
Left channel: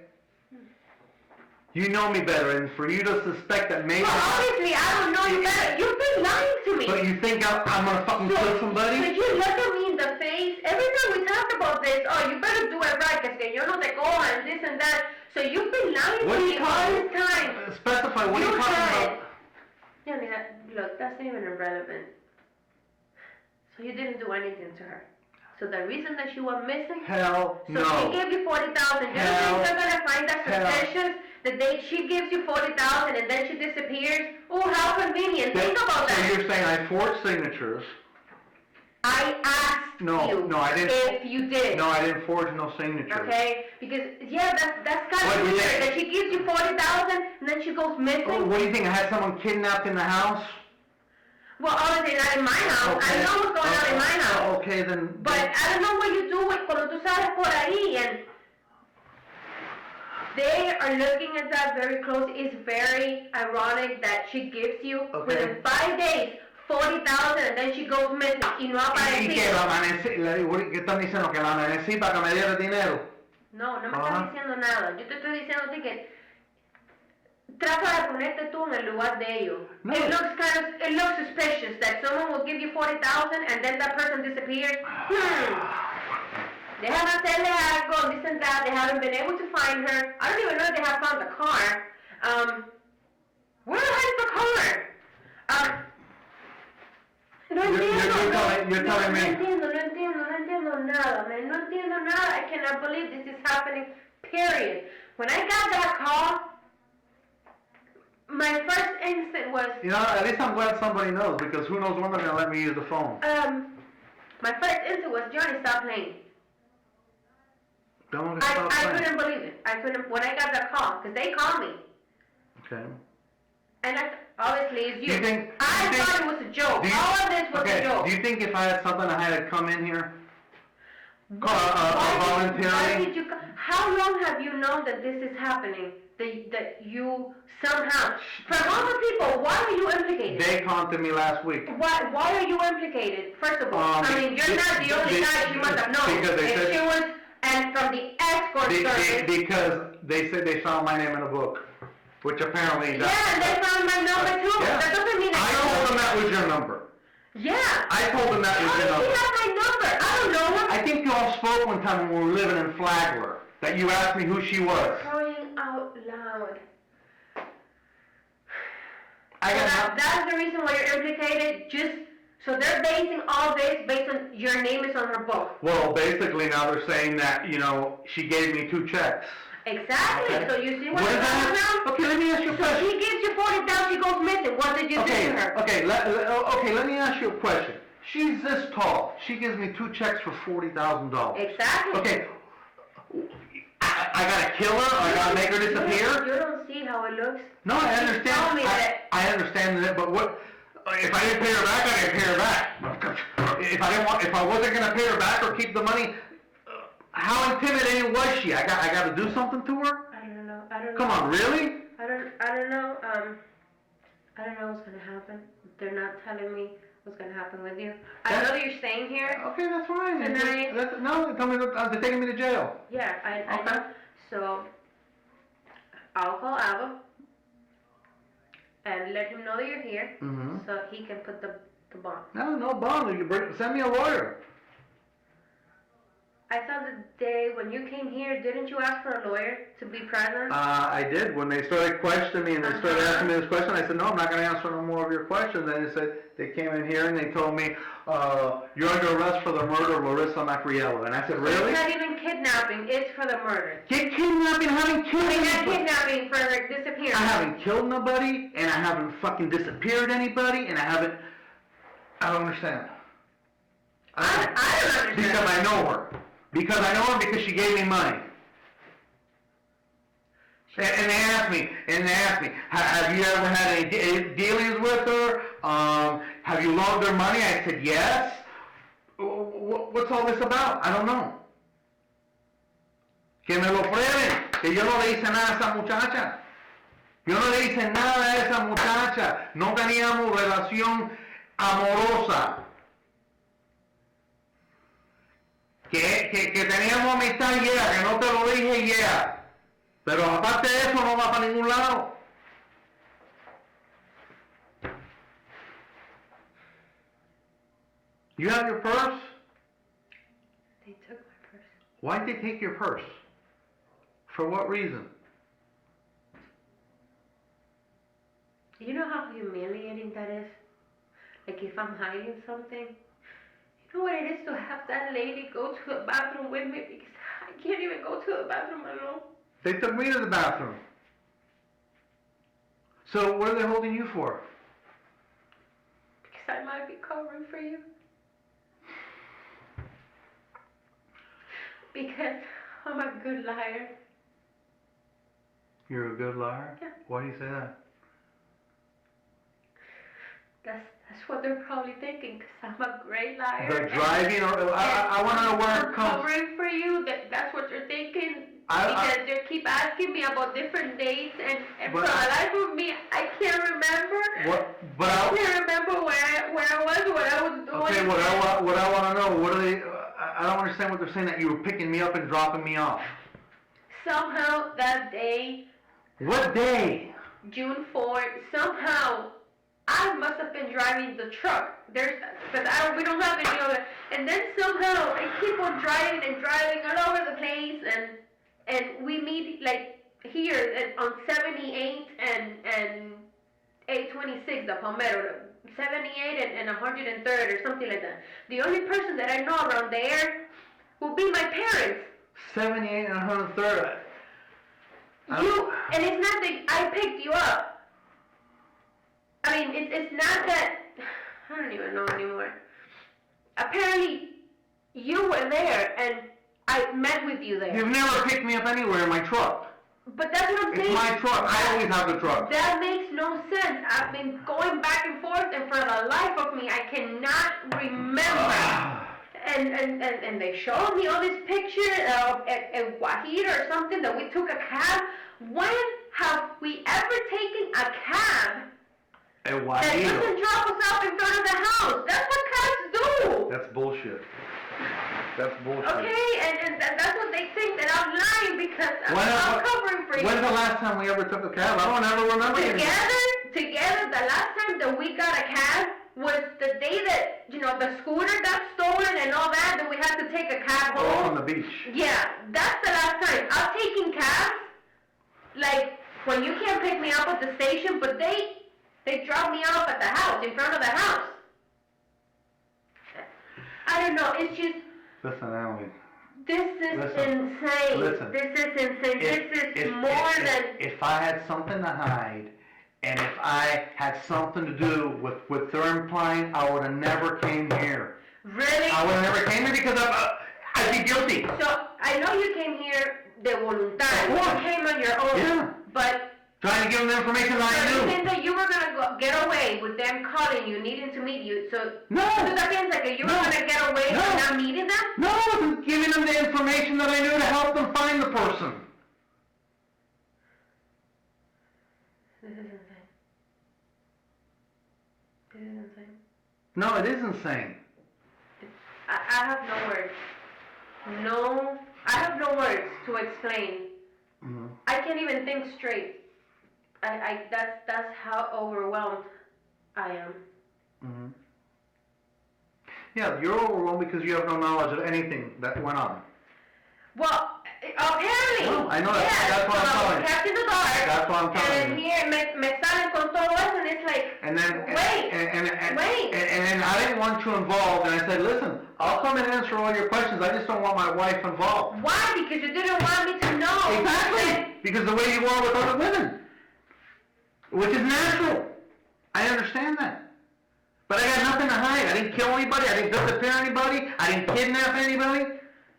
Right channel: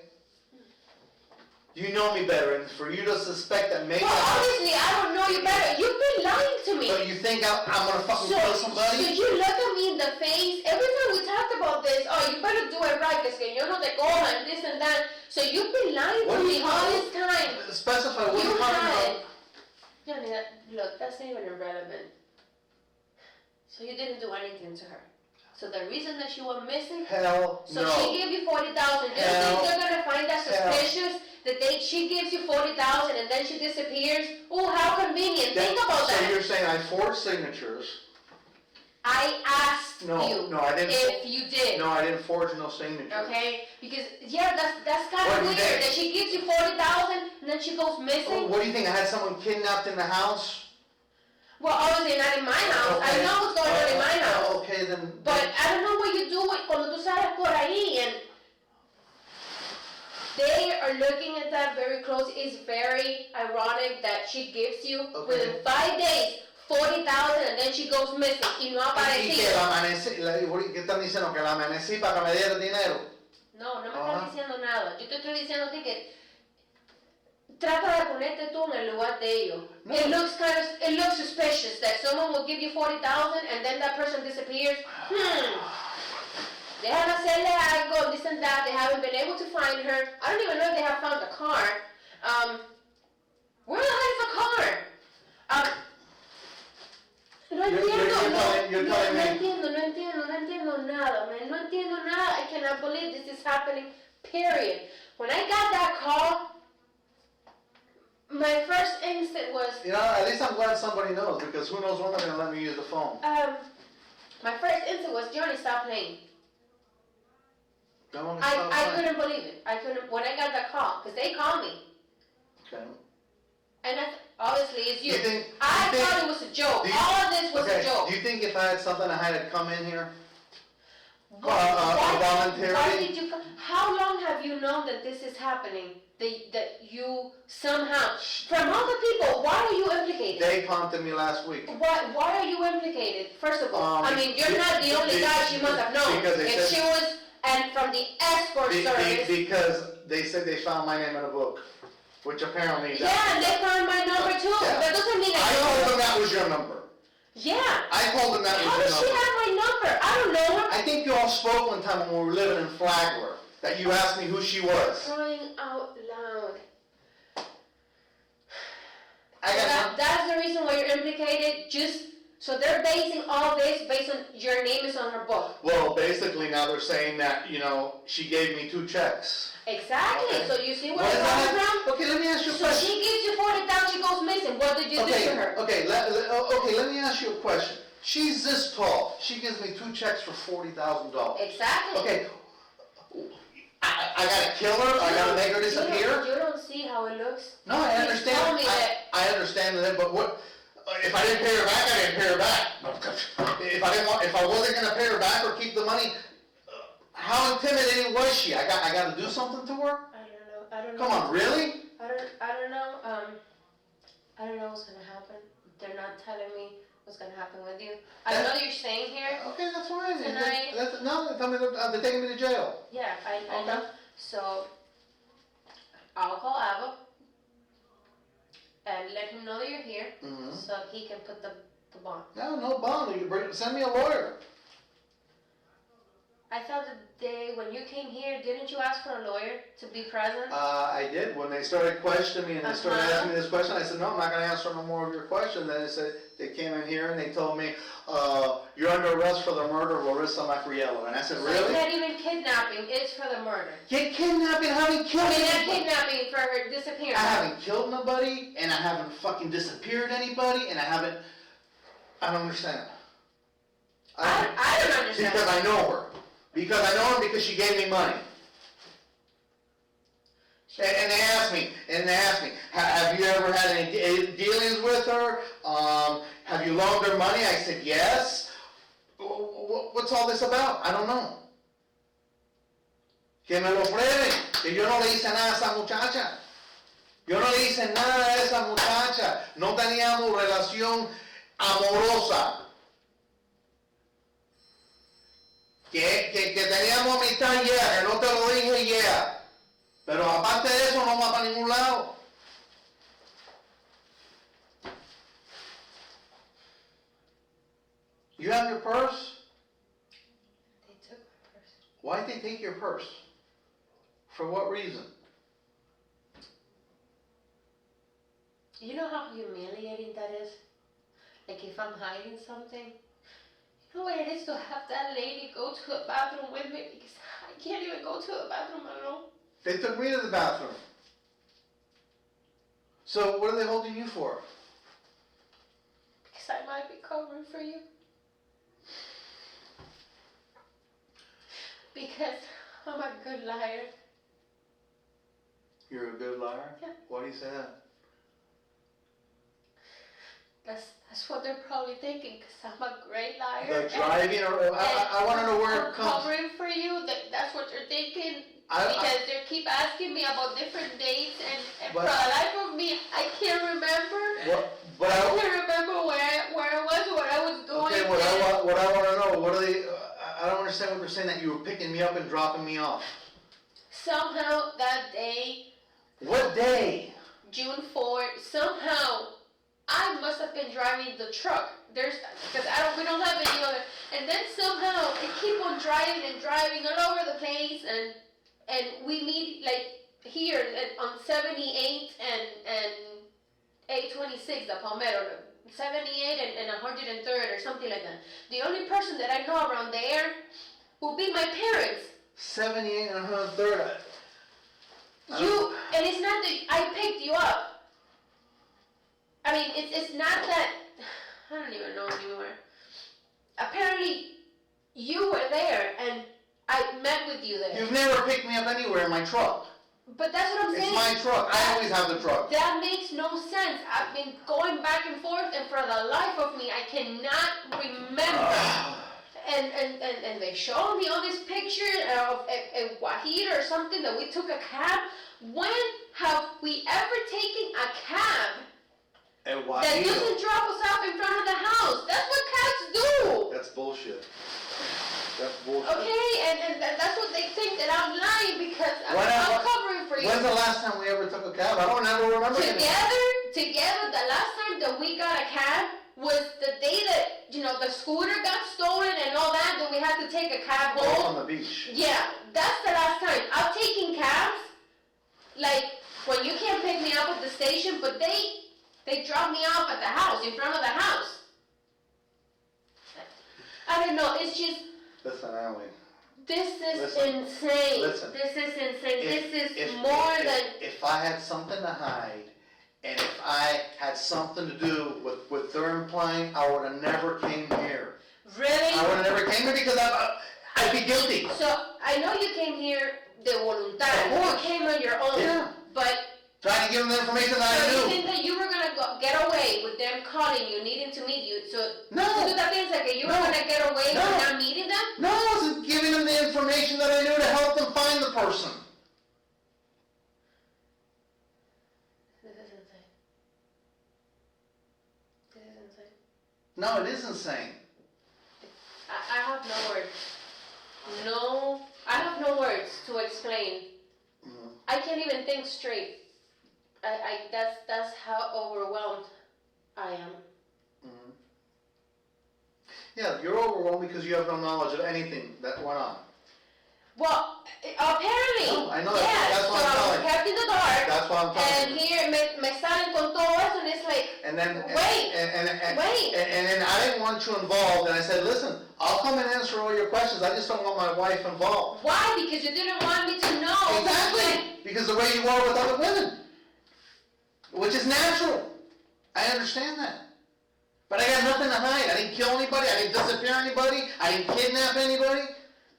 You know me better, and for you to suspect that maybe Well, obviously, I don't know you better. You've been lying to me. But you think I'm gonna fucking kill somebody? So you look at me in the face. Every time we talk about this, oh, you better do it right, because yo no te cojo, and this and that. So you've been lying What to are me you all talking- this time. Specify what You you're talking tried. about. Yeah, I mean, look, that's not even irrelevant. So you didn't do anything to her. So the reason that she went missing, Hell so no. she gave you 40,000. Do you Hell- think they're gonna find that hell- suspicious that she gives you 40,000 and then she disappears? Oh, how convenient! Think about So that. you're saying I forged signatures? I asked No, you no, I didn't. if you did. No, I didn't forge no signatures. Okay, because that's kind What of do you weird think? that she gives you 40,000 and then she goes Oh, missing. what do you think? I had someone kidnapped in the house? Well, obviously not in my house. I Okay. know what's going on in my house. Okay, then. But I don't know what you do cuando tú sales por ahí, and they are looking at that very close. It's very ironic that she gives you within 5 days 40,000 and then she goes missing y no ¿Y que aparecido. la amanecí? ¿Qué están diciendo? ¿Que la amanecí para que me diera el dinero? No, no me Ajá. estás diciendo nada. Yo te estoy diciendo a ti que trata de ponerte tú en el lugar de ellos. No. It looks suspicious that someone will give you 40,000 and then that person disappears. They haven't said they algo, this and that. They haven't been able to find her. I don't even know if they have found the car. Where the hell is the car? No You're entiendo, telling me. no entiendo nada, man. No entiendo nada. I cannot believe this is happening, period. When I got that call, my first instinct was, You know, at least I'm glad somebody knows, because who knows when they're gonna let me use the phone. my first instinct was, Johnny, stop playing. Don't want to I stop playing. couldn't believe it. When I got that call, because they called me. Okay. And obviously it's you. You think- I you think- thought it was a joke. Do you- All of this was Okay, a joke. do you think if I had something I had to come in here? Why voluntarily? did you come? How long have you known that this is happening? That you somehow, from all the people, why are you implicated? They contacted me last week. Why are you implicated? First of all, I mean, you're be- not the only be- guy she must have known. because they If said- she was, and from the escort service. Because they said they found my name in a book, which apparently does. Yeah, and they found my number too. Yeah. That doesn't mean I told them that was your number. Yeah. I told them that How was your does she number. have my number? I don't know. I think you all spoke one time when we were living in Flagler, that you asked me who she was. Crying out loud. I got That's the reason why you're implicated. So they're basing all this based on your name is on her book. Well, basically now they're saying that, she gave me 2 checks. Exactly. Okay. So you see what What I'm is talking that? about? Okay, let me ask you a So question. she gives you 40,000, she goes missing. What did you do to her? Okay, let me ask you a question. She's this tall. She gives me 2 checks for $40,000. Exactly. Okay, I gotta kill her? I gotta make her disappear? You don't see how it looks. No, I You understand. told me that. I understand that, but what? If I didn't pay her back, I didn't pay her back. If I wasn't gonna pay her back or keep the money, how intimidating was she? I gotta do something to her? I don't know. Come on, really? I don't know. I don't know what's gonna happen. They're not telling me what's gonna happen with you. I know that you're staying here. Okay, that's fine. Tonight. No, they're taking me to jail. Yeah, I Okay. know. So I'll call Ava. lawyer here, Mm-hmm. so he can put the bond. No bond. Send me a lawyer. I thought the day when you came here, didn't you ask for a lawyer to be present? I did. When they started questioning me and they started asking me this question, I said, no, I'm not going to answer no more of your questions. Then they came in here and they told me, you're under arrest for the murder of Larissa Macriello. And I said, So really? it's not even kidnapping, it's for the murder. Kidnapping? I haven't killed I mean, not anybody. kidnapping, for her disappearance. I haven't killed nobody, and I haven't fucking disappeared anybody, and I don't understand. I don't understand. Because I know her. Because I know her because she gave me money. And they asked me, have you ever had any dealings with her? Have you loaned her money? I said, yes. What's all this about? I don't know. Que me lo prueben, que yo no le hice nada a esa muchacha. Yo no le hice nada a esa muchacha. No teníamos relación amorosa. Que teníamos amistad, yeah, que no te lo dije, yeah. Pero aparte de eso no va para ningún lado. You have your purse? They took my purse. Why did they take your purse? For what reason? You know how humiliating that is? Like if I'm hiding something, you know what it is to have that lady go to the bathroom with me because I can't even go to the bathroom alone. They took me to the bathroom. So what are they holding you for? Because I might be covering for you. Because I'm a good liar. You're a good liar? Yeah. Why do you say that? That's what they're probably thinking, because I'm a great liar. The driving, or I want to know where it I'm comes. covering for you, that's what you're thinking. I- Because they keep asking me about different dates, and for But- the life of me, I can't remember. But I can't remember where I was, what I was doing. okay, what I want to know, what are they? I don't understand what they're saying. That you were picking me up and dropping me off. Somehow that day, What day? June 4th, somehow I must have been driving the truck. Because we don't have any other. And then somehow I keep on driving all over the place, and we meet like here on 78 and 826, the Palmetto, 78 and 103rd or something like that. The only person that I know around there will be my parents. 78 and 103rd. And it's not that I picked you up. I mean, it's not that, I don't even know anymore. Apparently, you were there, and I met with you there. You've never picked me up anywhere in my truck. But that's what I'm saying. It's my truck. I always have the truck. That makes no sense. I've been going back and forth, and for the life of me, I cannot remember. And they showed me all these pictures of a Guajira or something that we took a cab. When have we ever taken a cab that doesn't drop us off in front of the house? That's what cabs do. That's bullshit. That's bullshit. Okay, and that's what they think, that I'm lying because I'm covering for you. When's the last time we ever took a cab? I don't ever remember. Together, the last time that we got a cab was the day that, the scooter got stolen and all that we had to take a cab home. On the beach. Yeah, that's the last time. I've taken cabs, like, when you can't pick me up at the station, but they drop me off at the house, in front of the house. I don't know, it's just... Listen, Allie. This is Listen. insane. Listen. This is insane. If I had something to hide, and if I had something to do with their implying, I would have never came here. Really? I would have never came here because I'd be guilty. So, I know you came here de voluntad. Of course. You came on your own. Yeah. But... Trying to give them the information that I So you knew. think that you were gonna get away with them calling you, needing to meet you? So No. ¿tú te piensas que you were gonna get away No. with not meeting them? No, I wasn't giving them the information that I knew to help them find the person. This is insane. This is insane. No, it is insane. I have no words. I have no words to explain. Mhm. I can't even think straight. That's how overwhelmed I am. Mhm. Yeah, you're overwhelmed because you have no knowledge of anything that went on. Well, apparently. No, I know yeah, that's what I'm so I telling was kept in the dark. That's what I'm telling And you. here me salen con todo eso, and it's like, And then, wait, wait. And then I didn't want you involved, and I said, listen, I'll come and answer all your questions, I just don't want my wife involved. Why? Because you didn't want me to know. Exactly, because the way you are with other women, which is natural. I understand that. But I got nothing to hide. I didn't kill anybody, I didn't disappear anybody, I didn't kidnap anybody.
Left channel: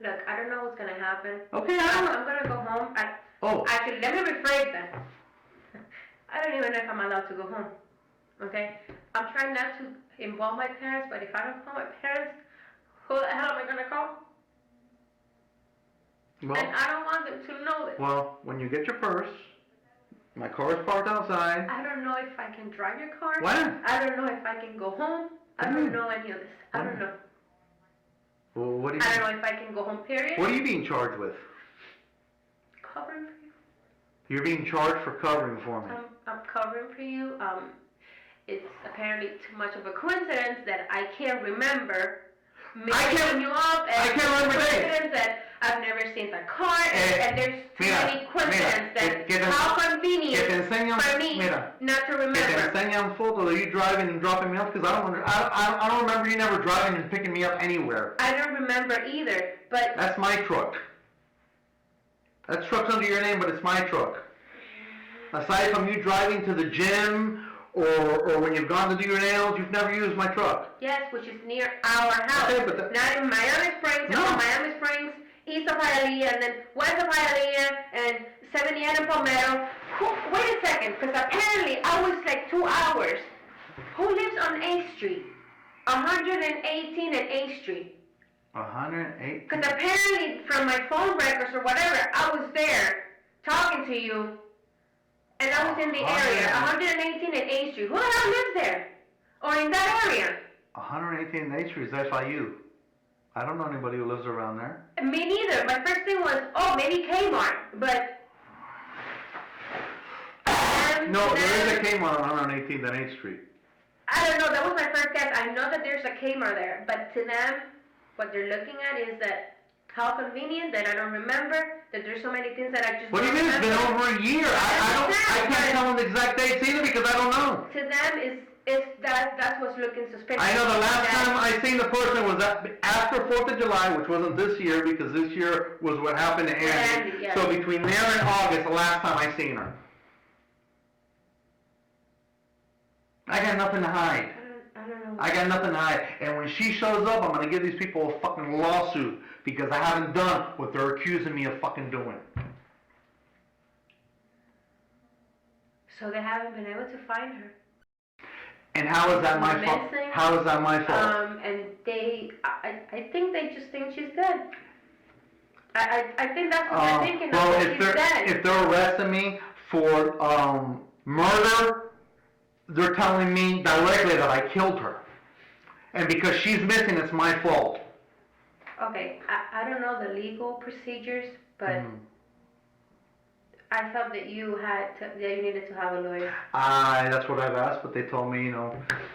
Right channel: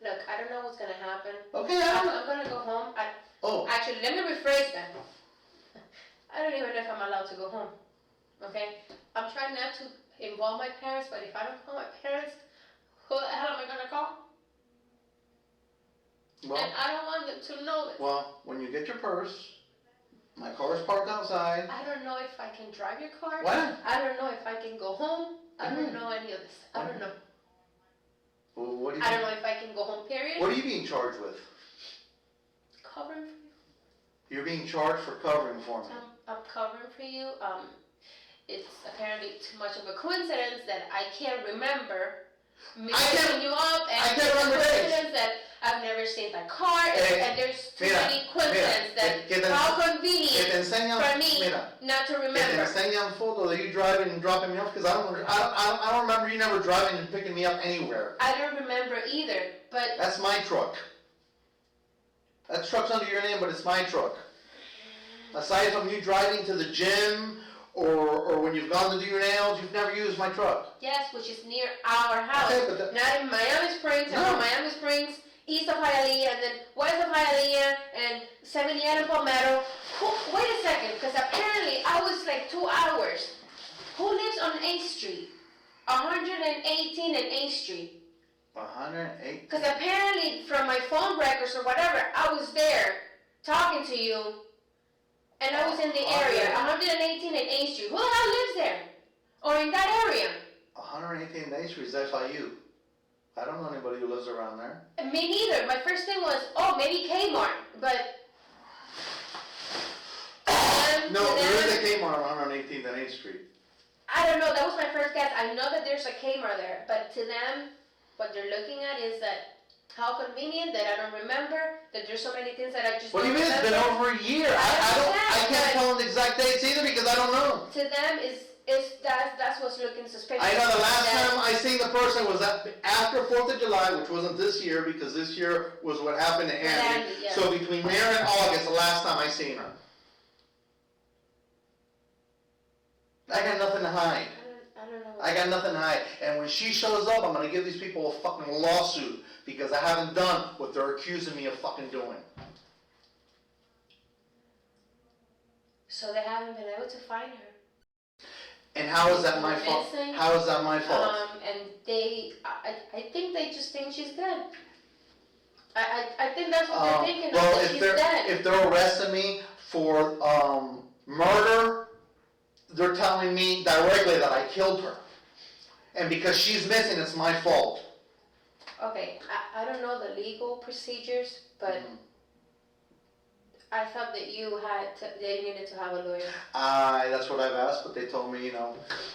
Look, I don't know what's gonna happen. Okay, I'm gonna go home. Oh, Actually, let me rephrase that. I don't even know if I'm allowed to go home. Okay? I'm trying not to involve my parents, but if I don't call my parents, who the hell am I gonna call? well, And I don't want them to know this. well, when you get your purse, my car is parked outside. I don't know if I can drive your car. What? I don't know if I can go home. I don't know any of this. I don't know. Well, what do you? I don't know if I can go home, period. What are you being charged with? Covering for you. You're being charged for covering for me. I'm covering for you. It's apparently too much of a coincidence that I can't remember me picking you up, and I can't remember dates. coincidence that I've never seen that car, and there's too many coincidences that how convenient for me not to Que te remember. enseñan fotos of you driving and dropping me off, because I don't remember you never driving and picking me up anywhere. I don't remember either, but That's my truck. That truck's under your name, but it's my truck. Aside from you driving to the gym or when you've gone to do your nails, you've never used my truck. yes, which is near our house. Okay, but Not in Miami Springs, No. and from Miami Springs, east of Hialeah, and then west of Hialeah, and 78 and Palmetto. Wait a second, because apparently I was like 2 hours. Who lives on 8th Street? 118 and 8th Street. 108. Because apparently from my phone records or whatever, I was there talking to you, and I was in the area. 118 and 8th Street. Who the hell lives there? Or in that area? 118th Main Street is FIU. I don't know anybody who lives around there. Me neither. My first thing was, oh, maybe Kmart, but... No, there is a Kmart on 118th and 8th Street. I don't know, that was my first guess. I know that there's a Kmart there, but to them, what they're looking at is that how convenient that I don't remember, that there's so many things that I just What do you mean? It's been over a year. I can't tell them the exact dates either because I don't know. To them, that's what's looking suspicious. I know the last time I seen the person was after 4th of July, which wasn't this year because this year was what happened to Andy. Yes. So between there and August, the last time I seen her. I got nothing to hide. I don't know. I got nothing to hide. And when she shows up, I'm going to give these people a fucking lawsuit because I haven't done what they're accusing me of fucking doing. So they haven't been able to find her. And how is that my fault? Missing. How is that my fault? And I think they just think she's dead. I think that's what they're thinking, well, that she's dead. if they're arresting me for murder, they're telling me directly that I killed her. And because she's missing, it's my fault. Okay, I don't know the legal procedures, but I thought that you needed to have a lawyer. That's what I've asked, but they told me,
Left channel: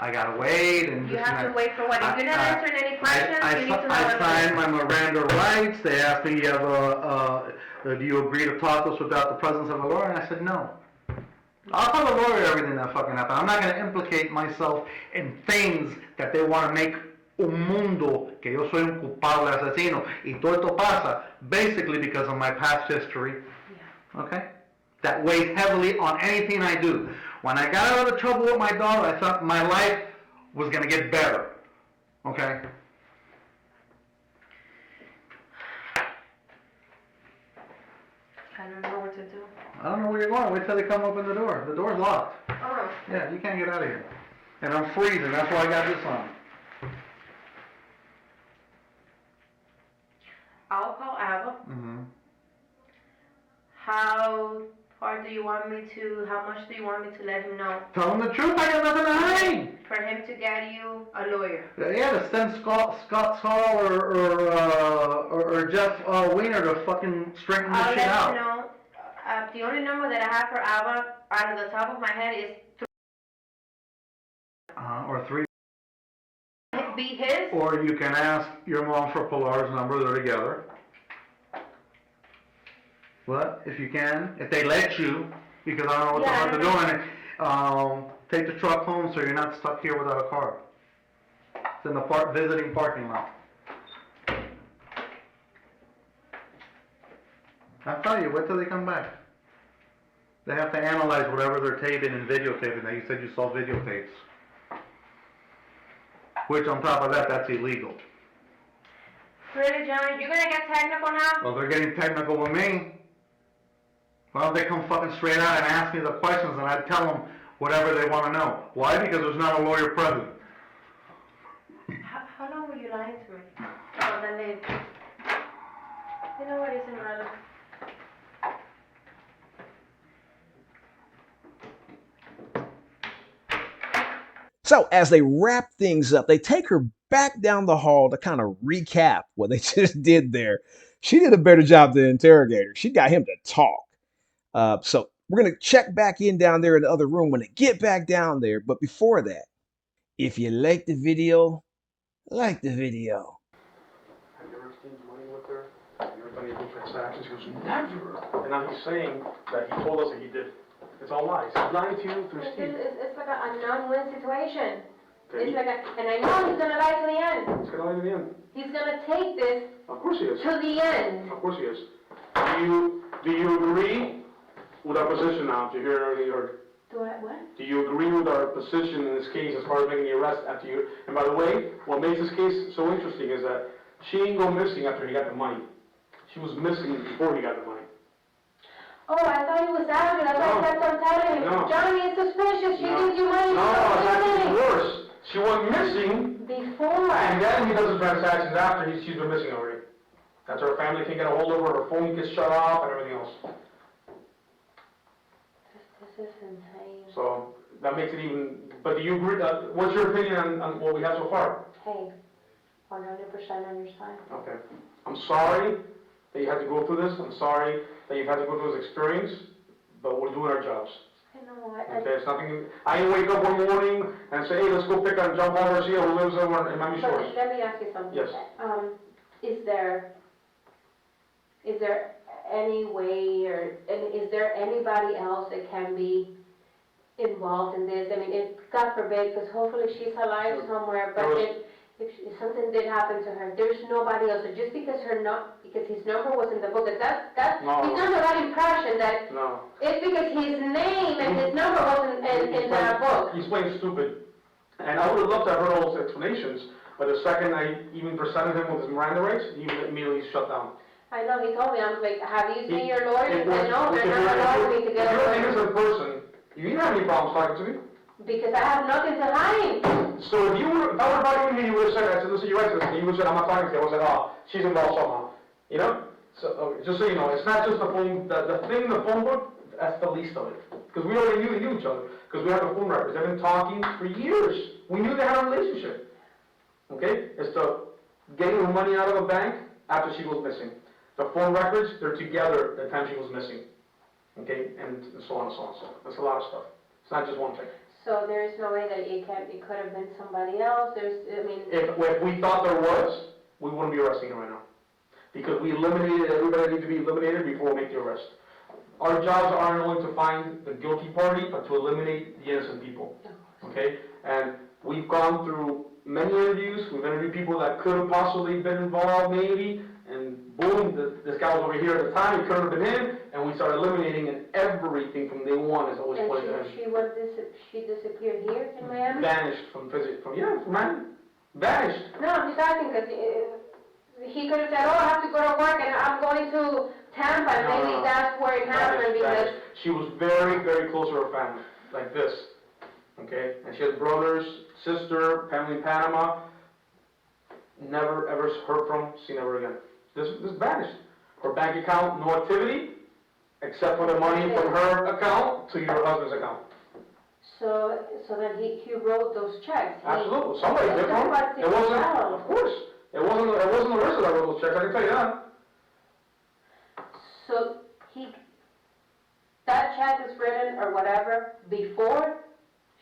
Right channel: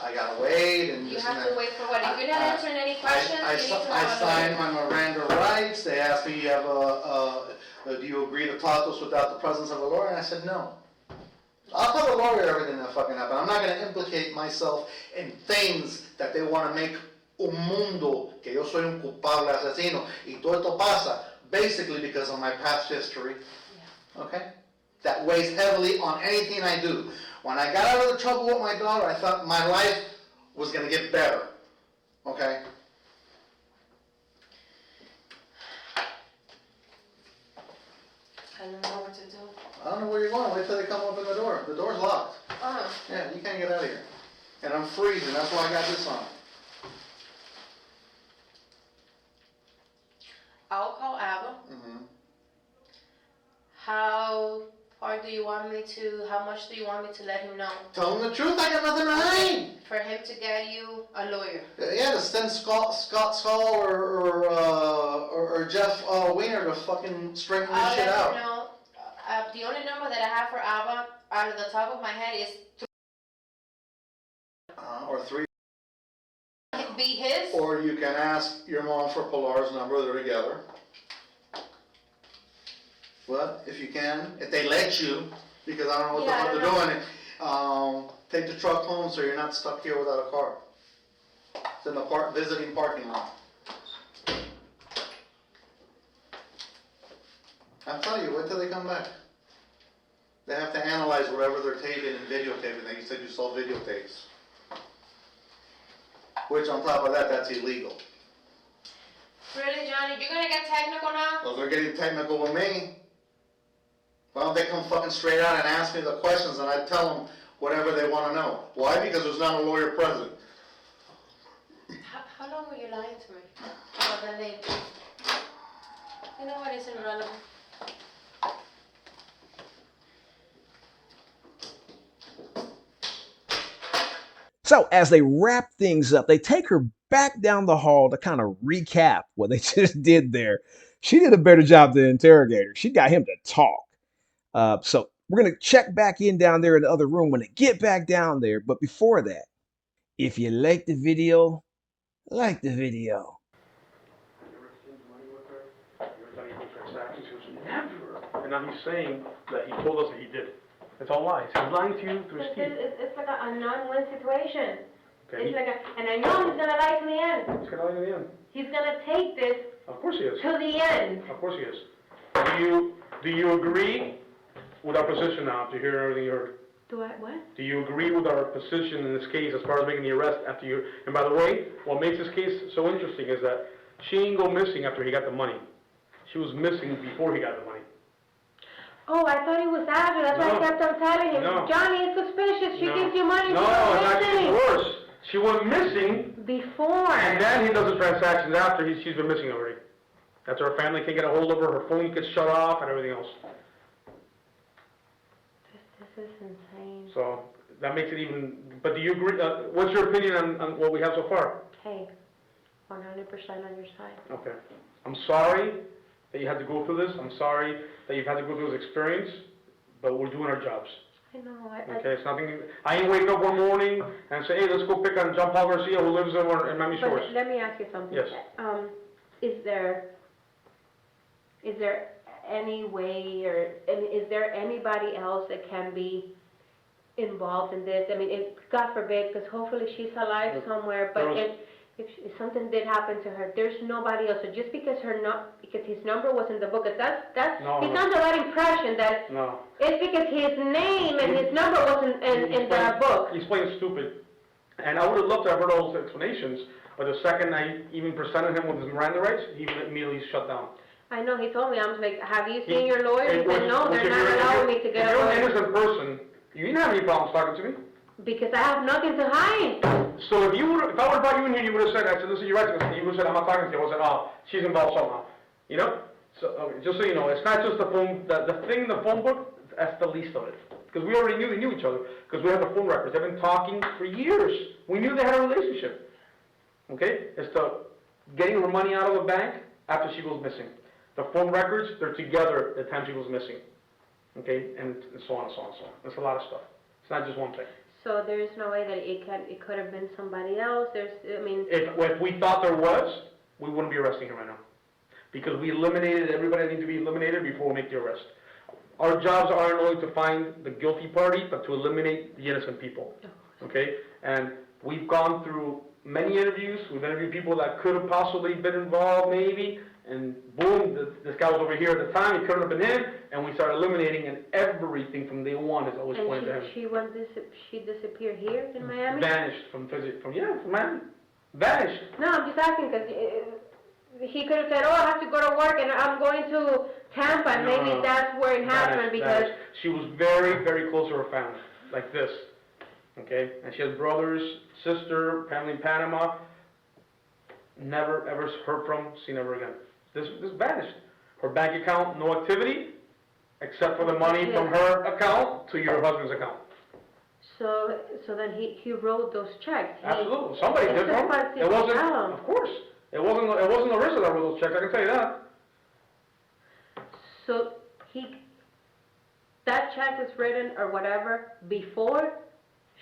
I gotta wait and You this have and to that. wait for what? If you're not answering any questions, you need to I have a signed lawyer. my Miranda rights. They asked me, do you agree to talk to us without the presence of a lawyer? And I said, no. I'll tell the lawyer everything that fucking happened. I'm not going to implicate myself in things that they want to make un mundo que yo soy un culpable asesino. Y todo esto pasa basically because of my past history. Okay? That weighs heavily on anything I do. When I got out of the trouble with my daughter, I thought my life was going to get better. Okay? I don't know what to do. I don't know where you're going. Wait till they come open the door. The door's locked. Oh. Yeah, you can't get out of here. And I'm freezing. That's why I got this on. I'll call Abba. Mm-hmm. How much do you want me to let him know? Tell him the truth. I got nothing to hide. For him to get you a lawyer. Yeah, to send Scott Saul or Jeff Wiener to fucking straighten this shit I'll out. let him know. The only number that I have for Abba out of the top of my head is or 3. It be his? Or you can ask your mom for Pilar's number, they're together. But if you can, if they let you, because I don't know what the Yeah, I fuck they're don't doing, take the truck home so you're not stuck here without a car. It's in the visiting parking lot. I'll tell you, wait till they come back. They have to analyze whatever they're taping and videotaping. Now, you said you saw videotapes. Which, on top of that, that's illegal. Really, Johnny? You're gonna get technical now? Well, they're getting technical with me. Why don't they come fucking straight out and ask me the questions and I tell them whatever they want to know? Why? Because there's not a lawyer present. How long were you lying to me? Oh, then they... You know what? It's irrelevant. So as they wrap things up, they take her back down the hall to kind of recap what they just did there. She did a better job than the interrogator. She got him to talk. So we're going to check back in down there in the other room when they get back down there. But before that, if you like the video, like the video. Have you ever exchanged money with her? Have you ever done any transactions? He goes, never. And now he's saying that he told us that he did. It's all lies. He's lying to you through his teeth. It's like a non-win situation. Okay. It's like and I know he's gonna lie to the end. He's gonna lie to the end. He's gonna take this Of course he is. to the end. Of course he is. Do you agree with our position now after you hear everything you heard? Do I what? Do you agree with our position in this case as far as making the arrest after you? And by the way, what makes this case so interesting is that she ain't go missing after he got the money. She was missing before he got the money. Oh, I thought he was after. That's why I kept on telling him. No. Johnny is suspicious. She gives you money. No, she's it's actually missing. worse. She went missing, Before. and then he does the transactions after she's been missing already. That's her family can't get a hold of her, her phone gets shut off, and everything else. This is insane. So that makes it even. But do you agree? What's your opinion on what we have so far? Hey, 100% on your side. Okay. I'm sorry that you had to go through this. I'm sorry that you've had to go through this experience, but we're doing our jobs. I know. Okay, it's nothing. I ain't wake up one morning and say, hey, let's go pick on John Paul Garcia who lives over in Miami Shores. Let me ask you something. Yes. Is there any way, or is there anybody else that can be involved in this? I mean, God forbid, because hopefully she's alive somewhere, but if something did happen to her, there's nobody else. So just because his number was in the book, he's under that impression that it's because his name and his number wasn't in the book. He's playing stupid. And I would have loved to have heard all those explanations, but the second I even presented him with his Miranda rights, he immediately shut down. I know, he told me, I was like, have you seen your lawyer? He said, no, they're not allowing me to get a lawyer. If you're an lawyer. innocent person, you didn't have any problems talking to me. Because I have nothing to hide. So if I would have brought you in here, you would have said, I said, listen, you're right, you would have said, I'm not talking to you. I would have said, oh, she's involved somehow. You know? So, okay, just so you know, it's not just the phone, the thing in the phone book, that's the least of it. Because we already knew they knew each other. Because we have the phone records. They've been talking for years. We knew they had a relationship. Okay? It's the getting her money out of the bank after she goes missing. The phone records, they're together the time she was missing. Okay? And so on and so on and so on. That's a lot of stuff. It's not just one thing. So there's no way that it could have been somebody else. If we thought there was, we wouldn't be arresting her right now. Because we eliminated everybody that needs to be eliminated before we make the arrest. Our jobs aren't only to find the guilty party, but to eliminate the innocent people. Okay? And we've gone through many interviews. We've interviewed people that could have possibly been involved, maybe. And boom, this guy was over here at the time. It couldn't have been him. And we started eliminating, and everything from day one is always pointed to him. She disappeared here in Miami? Vanished from Miami. Vanished. No, I'm just asking because he could have said, oh, I have to go to work and I'm going to Tampa, and maybe that's where it happened because... She was very, very close to her family, like this, okay? And she has brothers, sister, family in Panama. Never, ever heard from, seen ever again. This vanished. Her bank account, no activity, except for the money from her account to your husband's account. So then he wrote those checks. Absolutely. Somebody did from it. Wasn't, of course. It wasn't Larissa that wrote those checks, I can tell you that. So that check was written or whatever before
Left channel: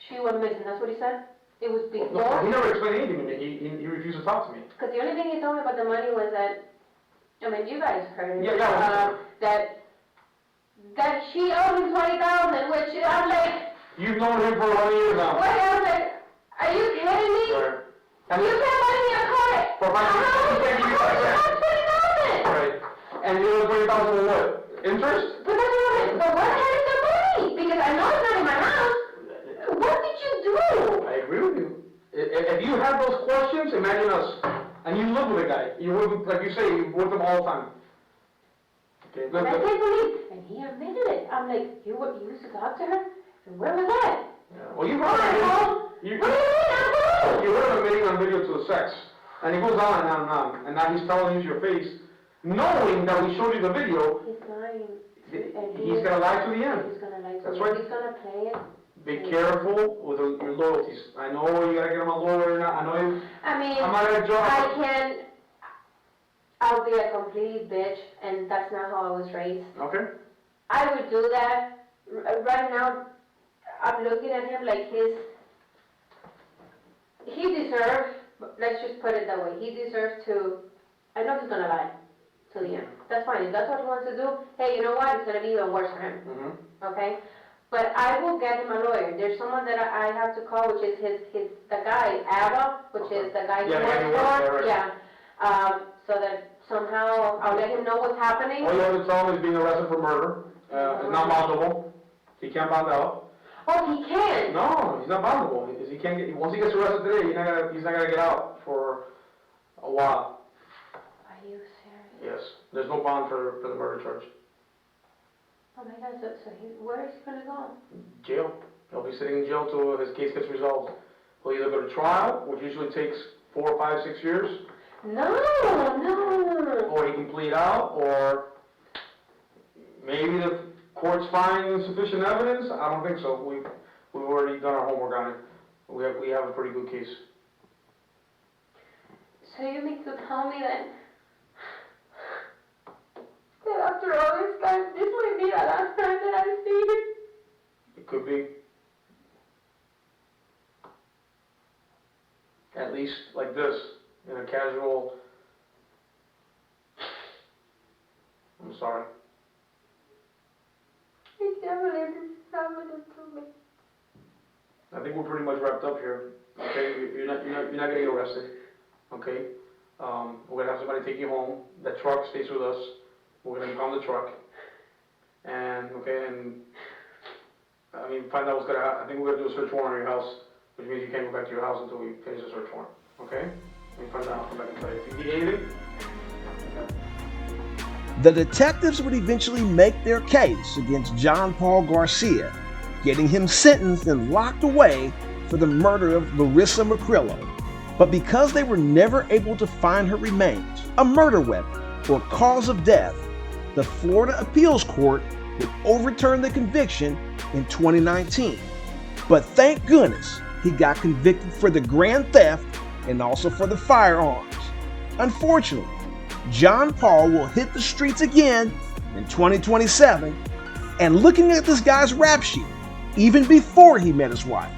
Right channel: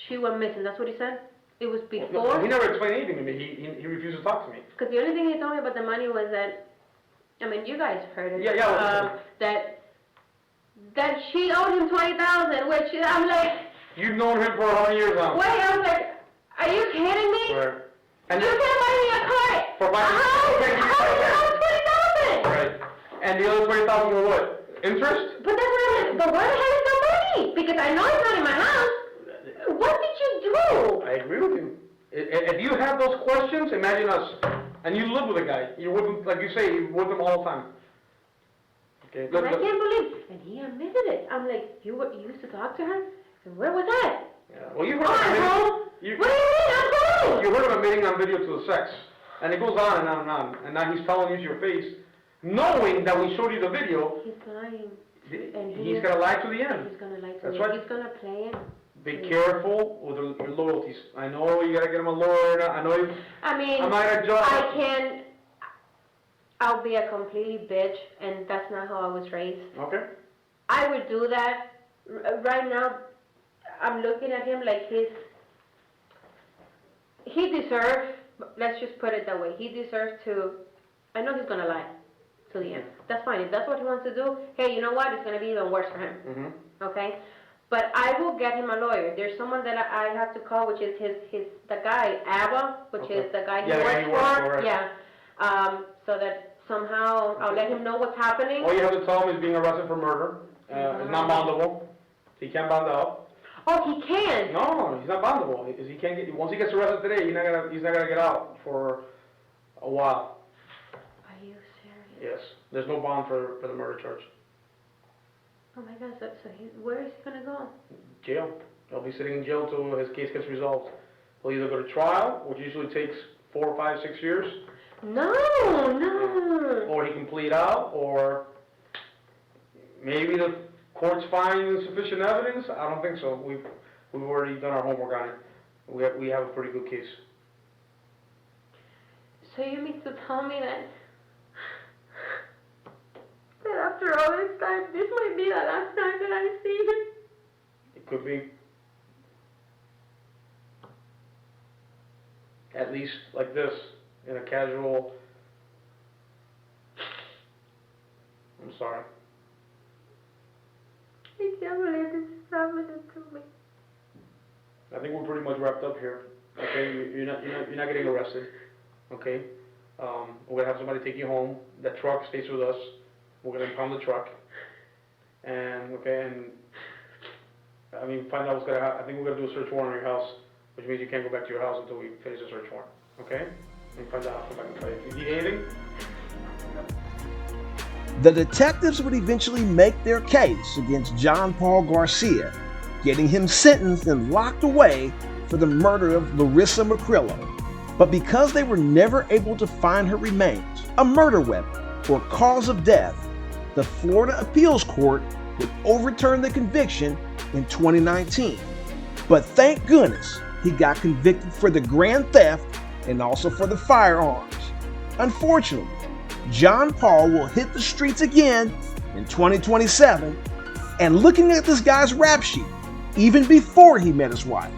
she went missing, that's what he said? It was He before. never explained anything to me. He refused to talk to me. Because the only thing he told me about the money was that, I mean, you guys heard it. Yeah. That she owed him $20,000, which I'm like, You've known him for 100 years now. wait, I was like, are you kidding me? Right. And You can't buy me a car. For my- How do you have 20,000? Right. And the other 20,000 were what? Interest? But that's what I'm like, but where the hell is the money? Because I know it's not in my house. What did you do? I agree with you. If you have those questions, imagine us. And you live with a guy. You live, like you say, you with him all the time. Okay. I can't believe, and he admitted it. I'm like, you used to talk to her? And where was that? Yeah. Well, you All right, heard home. him. What do you mean, I'm home? You heard him admitting on video to the sex. And it goes on and on and on. And now he's telling you to your face, knowing that we showed you the video, He's lying. And he's going to lie to the end. He's gonna lie to That's me. right. He's gonna play it. Be careful with your loyalties. I know you gotta get him a lawyer. I know you. I mean, I'm not gonna judge. I'll be a complete bitch, and that's not how I was raised. Okay. I would do that. Right now, I'm looking at him like he deserves, let's just put it that way, he deserves to, I know he's gonna lie to the end. That's fine. If that's what he wants to do, hey, you know what? It's gonna be even worse for him. Mm-hmm. Okay? But I will get him a lawyer. There's someone that I have to call, which is the guy, Abba, which is the guy he works for. Right. Yeah. So that somehow I'll let him know what's happening. All you have to tell him is being arrested for murder. It's not bondable. He can't bond out. Oh, he can? No, he's not bondable. He can't get, once he gets arrested today, he's not gonna get out for a while. Are you serious? Yes. There's no bond for the murder charge. Oh my God, where is he gonna go? Jail. He'll be sitting in jail till his case gets resolved. He'll either go to trial, which usually takes 4, 5, 6 years. No. Or he can plead out, or maybe the courts find sufficient evidence. I don't think so. We've already done our homework on it. We have a pretty good case. So you mean to tell me that after all this time, this might be the last time that I see him? It could be. At least like this, in a casual. I'm sorry. I can't believe this is happening to me. I think we're pretty much wrapped up here. Okay, you're not getting arrested. Okay, we're gonna have somebody take you home. That truck stays with us. We're gonna impound the truck. And I mean, find out what's gonna happen. I think we're gonna do a search warrant on your house, which means you can't go back to your house until we finish the search warrant. Okay? And find out. I'll come back and tell you. If you need anything. The detectives would eventually make their case against John Paul Garcia, getting him sentenced and locked away for the murder of Larissa McCrillo. But because they were never able to find her remains, a murder weapon, or cause of death, the Florida Appeals Court would overturn the conviction in 2019. But thank goodness he got convicted for the grand theft and also for the firearms. Unfortunately, John Paul will hit the streets again in 2027, and looking at this guy's rap sheet, even before he met his wife,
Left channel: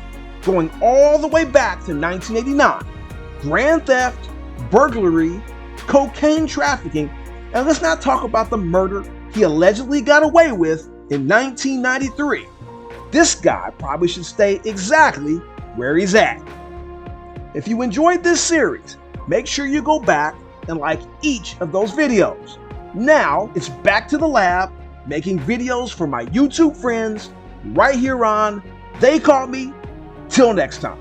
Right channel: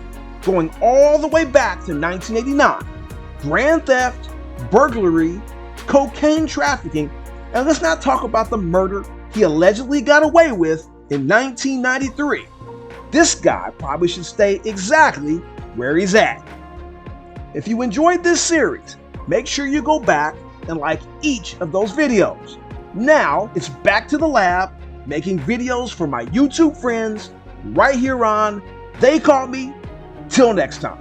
going all the way back to 1989, grand theft, burglary, cocaine trafficking, and let's not talk about the murder he allegedly got away with in 1993. This guy probably should stay exactly where he's at. If you enjoyed this series, make sure you go back and like each of those videos. Now it's back to the lab, making videos for my YouTube friends right here on They Caught Me. Till next time.